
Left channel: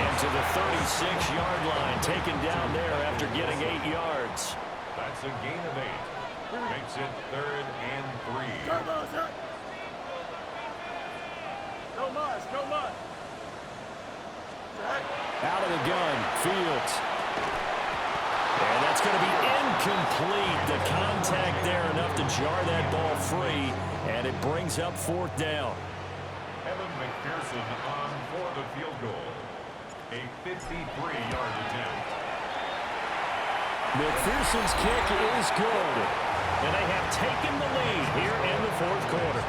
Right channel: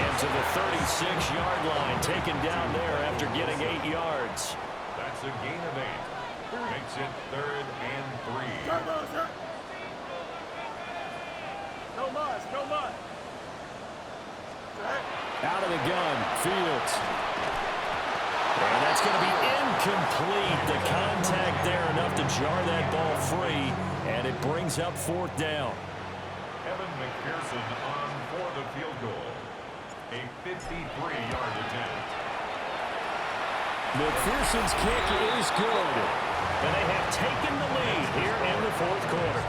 And to the 36-yard line, taken down there after getting 8 yards. That's a gain of 8. Makes it 3rd and 3. Turbo, sir. No mas. Tonight. Out of the gun, Fields. And that's going to be incomplete. The contact there enough to jar that ball free, and it brings up 4th down. Evan McPherson on for the field goal. A 53-yard attempt. McPherson's kick is good. And they have taken the lead here in the 4th quarter.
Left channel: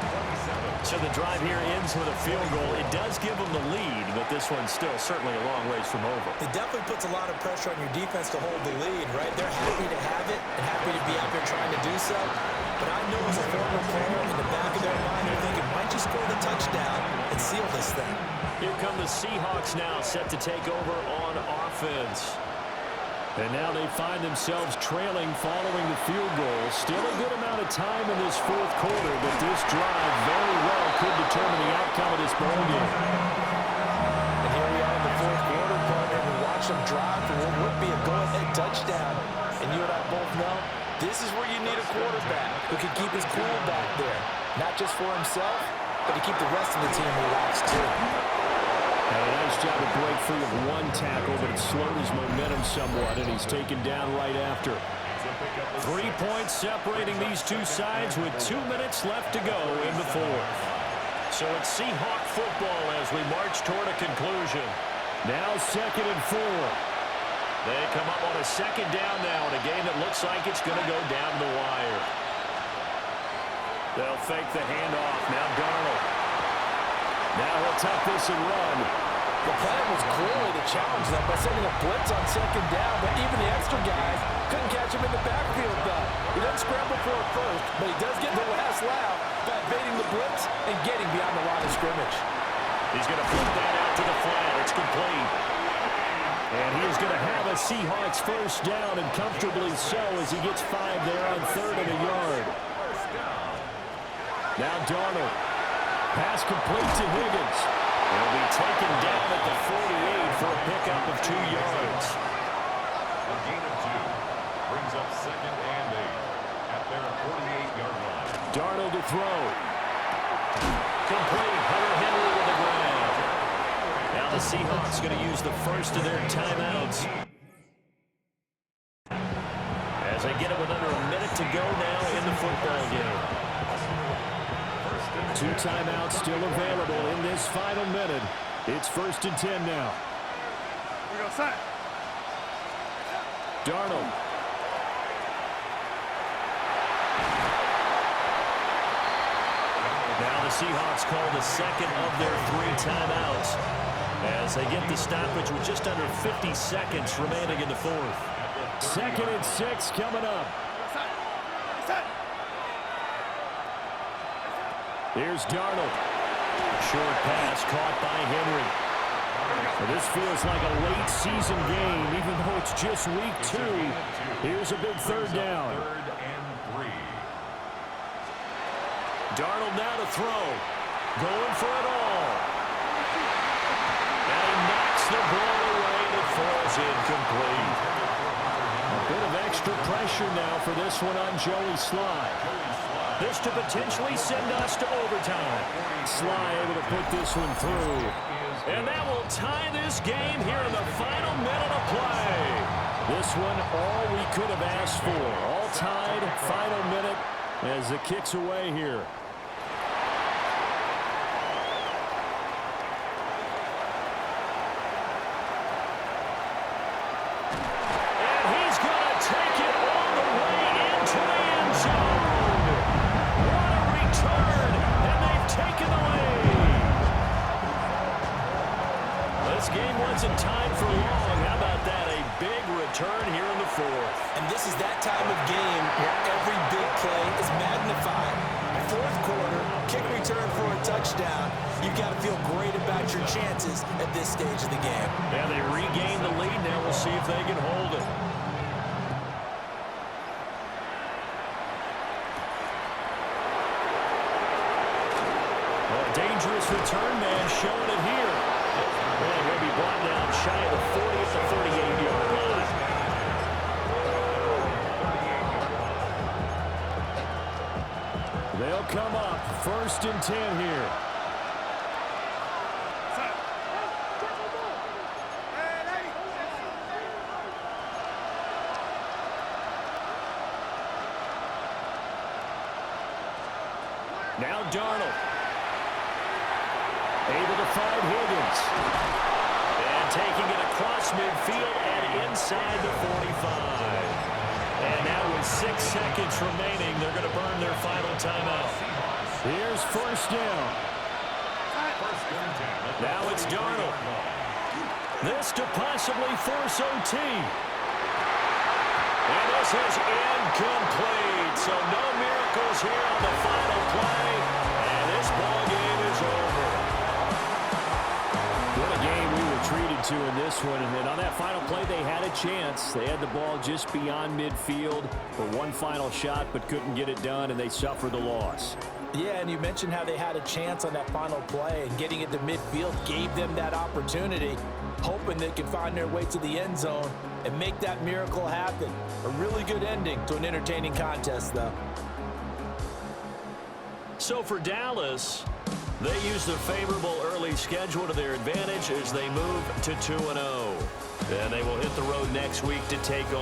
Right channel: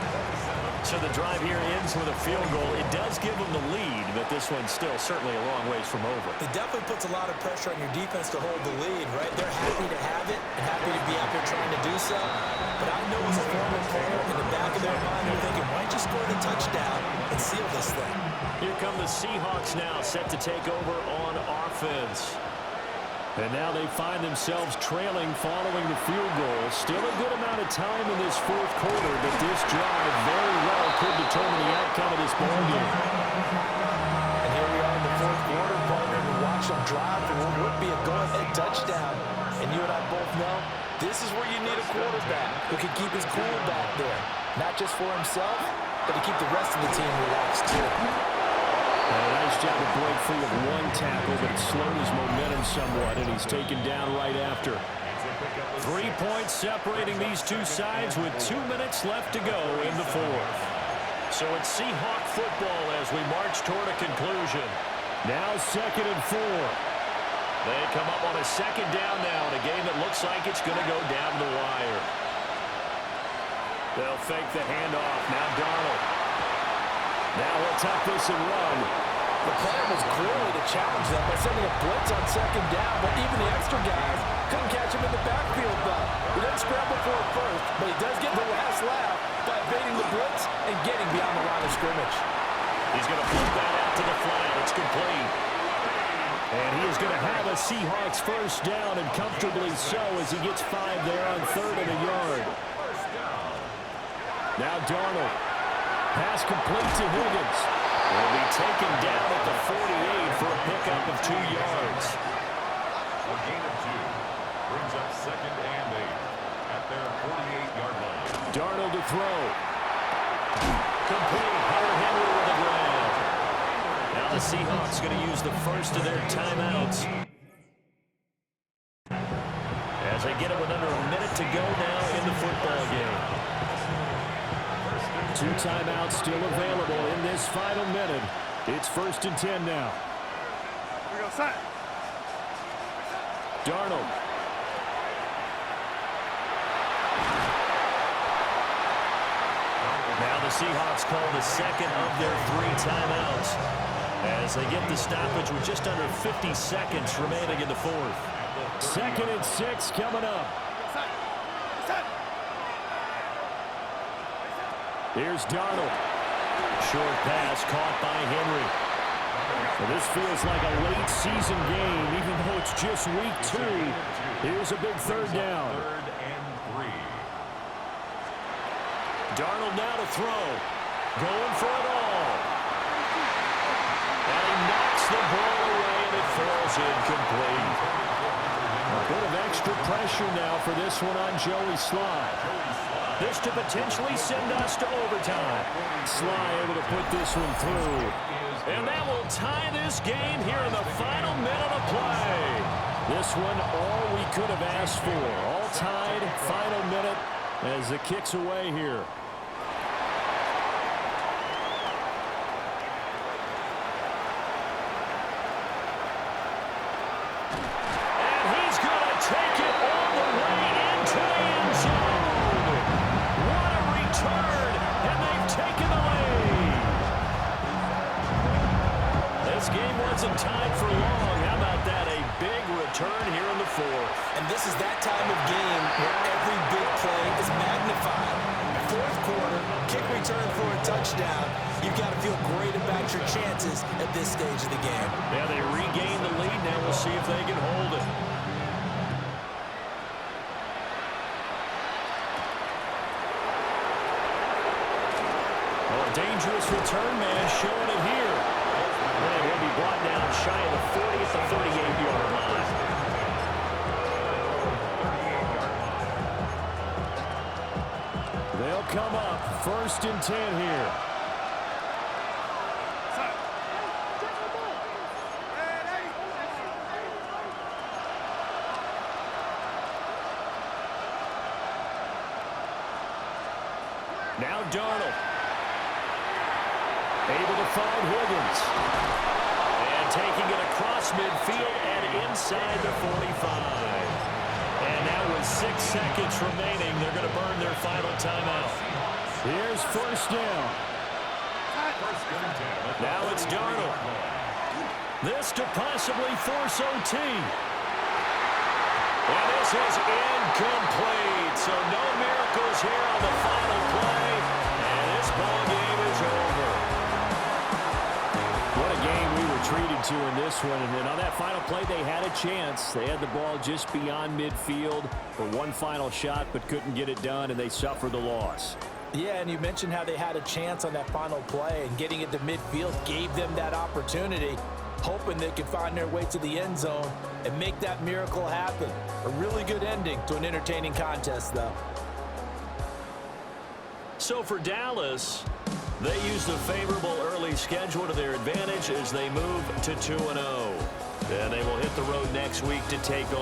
So the drive here ends with a field goal. It does give them the lead, but this one's still certainly a long ways from over. It definitely puts a lot of pressure on your defense to hold the lead, right? They're happy to have it and happy to be out there trying to do so. But I know as a former player, in the back of their mind, they're thinking, why don't you score the touchdown and seal this thing? Here come the Seahawks now, set to take over on offense. And now they find themselves trailing following the field goal. Still a good amount of time in this 4th quarter, but this drive very well could determine the outcome of this ball game. And here we are in the 4th quarter, partner. We watch them drive for what would be a go-ahead touchdown. And you and I both know this is where you need a quarterback who can keep his cool back there. Not just for himself, but to keep the rest of the team relaxed too. And a nice job to break free of one tackle, but it slowed his momentum somewhat, and he's taken down right after. 3 points separating these two sides with 2 minutes left to go in the 4th. So it's Seahawk football as we march toward a conclusion. Now 2nd and 4. They come up on a 2nd down now in a game that looks like it's going to go down the wire. They'll fake the handoff. Now Darnold. Now he'll tuck this and run. The plan was clearly to challenge them by sending a blitz on 2nd down, but even the extra guys couldn't catch him in the backfield, though. He doesn't scramble for it first, but he does get the last laugh by evading the blitz and getting beyond the line of scrimmage. He's going to flip that out to the flat. It's complete. And he is going to have a Seahawks 1st down, and comfortably so, as he gets 5 there on 3rd and a yard. Now Darnold. Pass complete to Higgins. Will be taken down at the 48 for a pickup of 2 yards. A gain of 2 brings up 2nd and 8 at their 48-yard line. Darnold to throw. Complete. Hunter Henry with the grab. Now the Seahawks going to use the first of their timeouts. As they get it with under a minute to go now in the football game. 2 timeouts still available in this final minute. It's 1st and 10 now. We go side. Darnold. Now the Seahawks call the 2nd of their 3 timeouts. as they get the stoppage with just under 50 seconds remaining in the fourth. 2nd and 6 coming up. Here's Darnold. Short pass caught by Henry. Well, this feels like a late season game, even though it's just week 2. Here's a big 3rd down. 3rd and 3. Darnold now to throw. Going for it all. And he knocks the ball away, and it falls incomplete. A bit of extra pressure now for this one on Joey Sly. This to potentially send us to overtime. Sly able to put this one through. And that will tie this game here in the final minute of play. This one all we could have asked for. All tied, final minute as the kick's away here. And he's going to take it all the way into the end zone. What a return, and they've taken the lead. This game wasn't tied for long. How about that? A big return here in the fourth. And this is that time of game where every big play is magnified. Fourth quarter, kick return for a touchdown. You've got to feel great about your chances at this stage of the game. Yeah, they regain the lead. Now we'll see if they can hold it. Oh, a dangerous return man showing it here. And he'll be brought down shy of the 40 at the 38-yard line. 38-yard line. They'll come up 1st and 10 here. Now Darnold. Able to find Higgins. And taking it across midfield and inside the 45. And now with 6 seconds remaining, they're going to burn their final timeout. Here's 1st down. Now it's Darnold. This to possibly force OT. And this is incomplete. So no miracles here on the final play. And this ball game is over. What a game we were treated to in this one. And on that final play, they had a chance. They had the ball just beyond midfield for one final shot, but couldn't get it done, and they suffered the loss. Yeah, and you mentioned how they had a chance on that final play, and getting it to midfield gave them that opportunity, hoping they could find their way to the end zone and make that miracle happen. A really good ending to an entertaining contest, though. So for Dallas, they used a favorable early schedule to their advantage as they move to 2-0. And they will hit the road next week to take on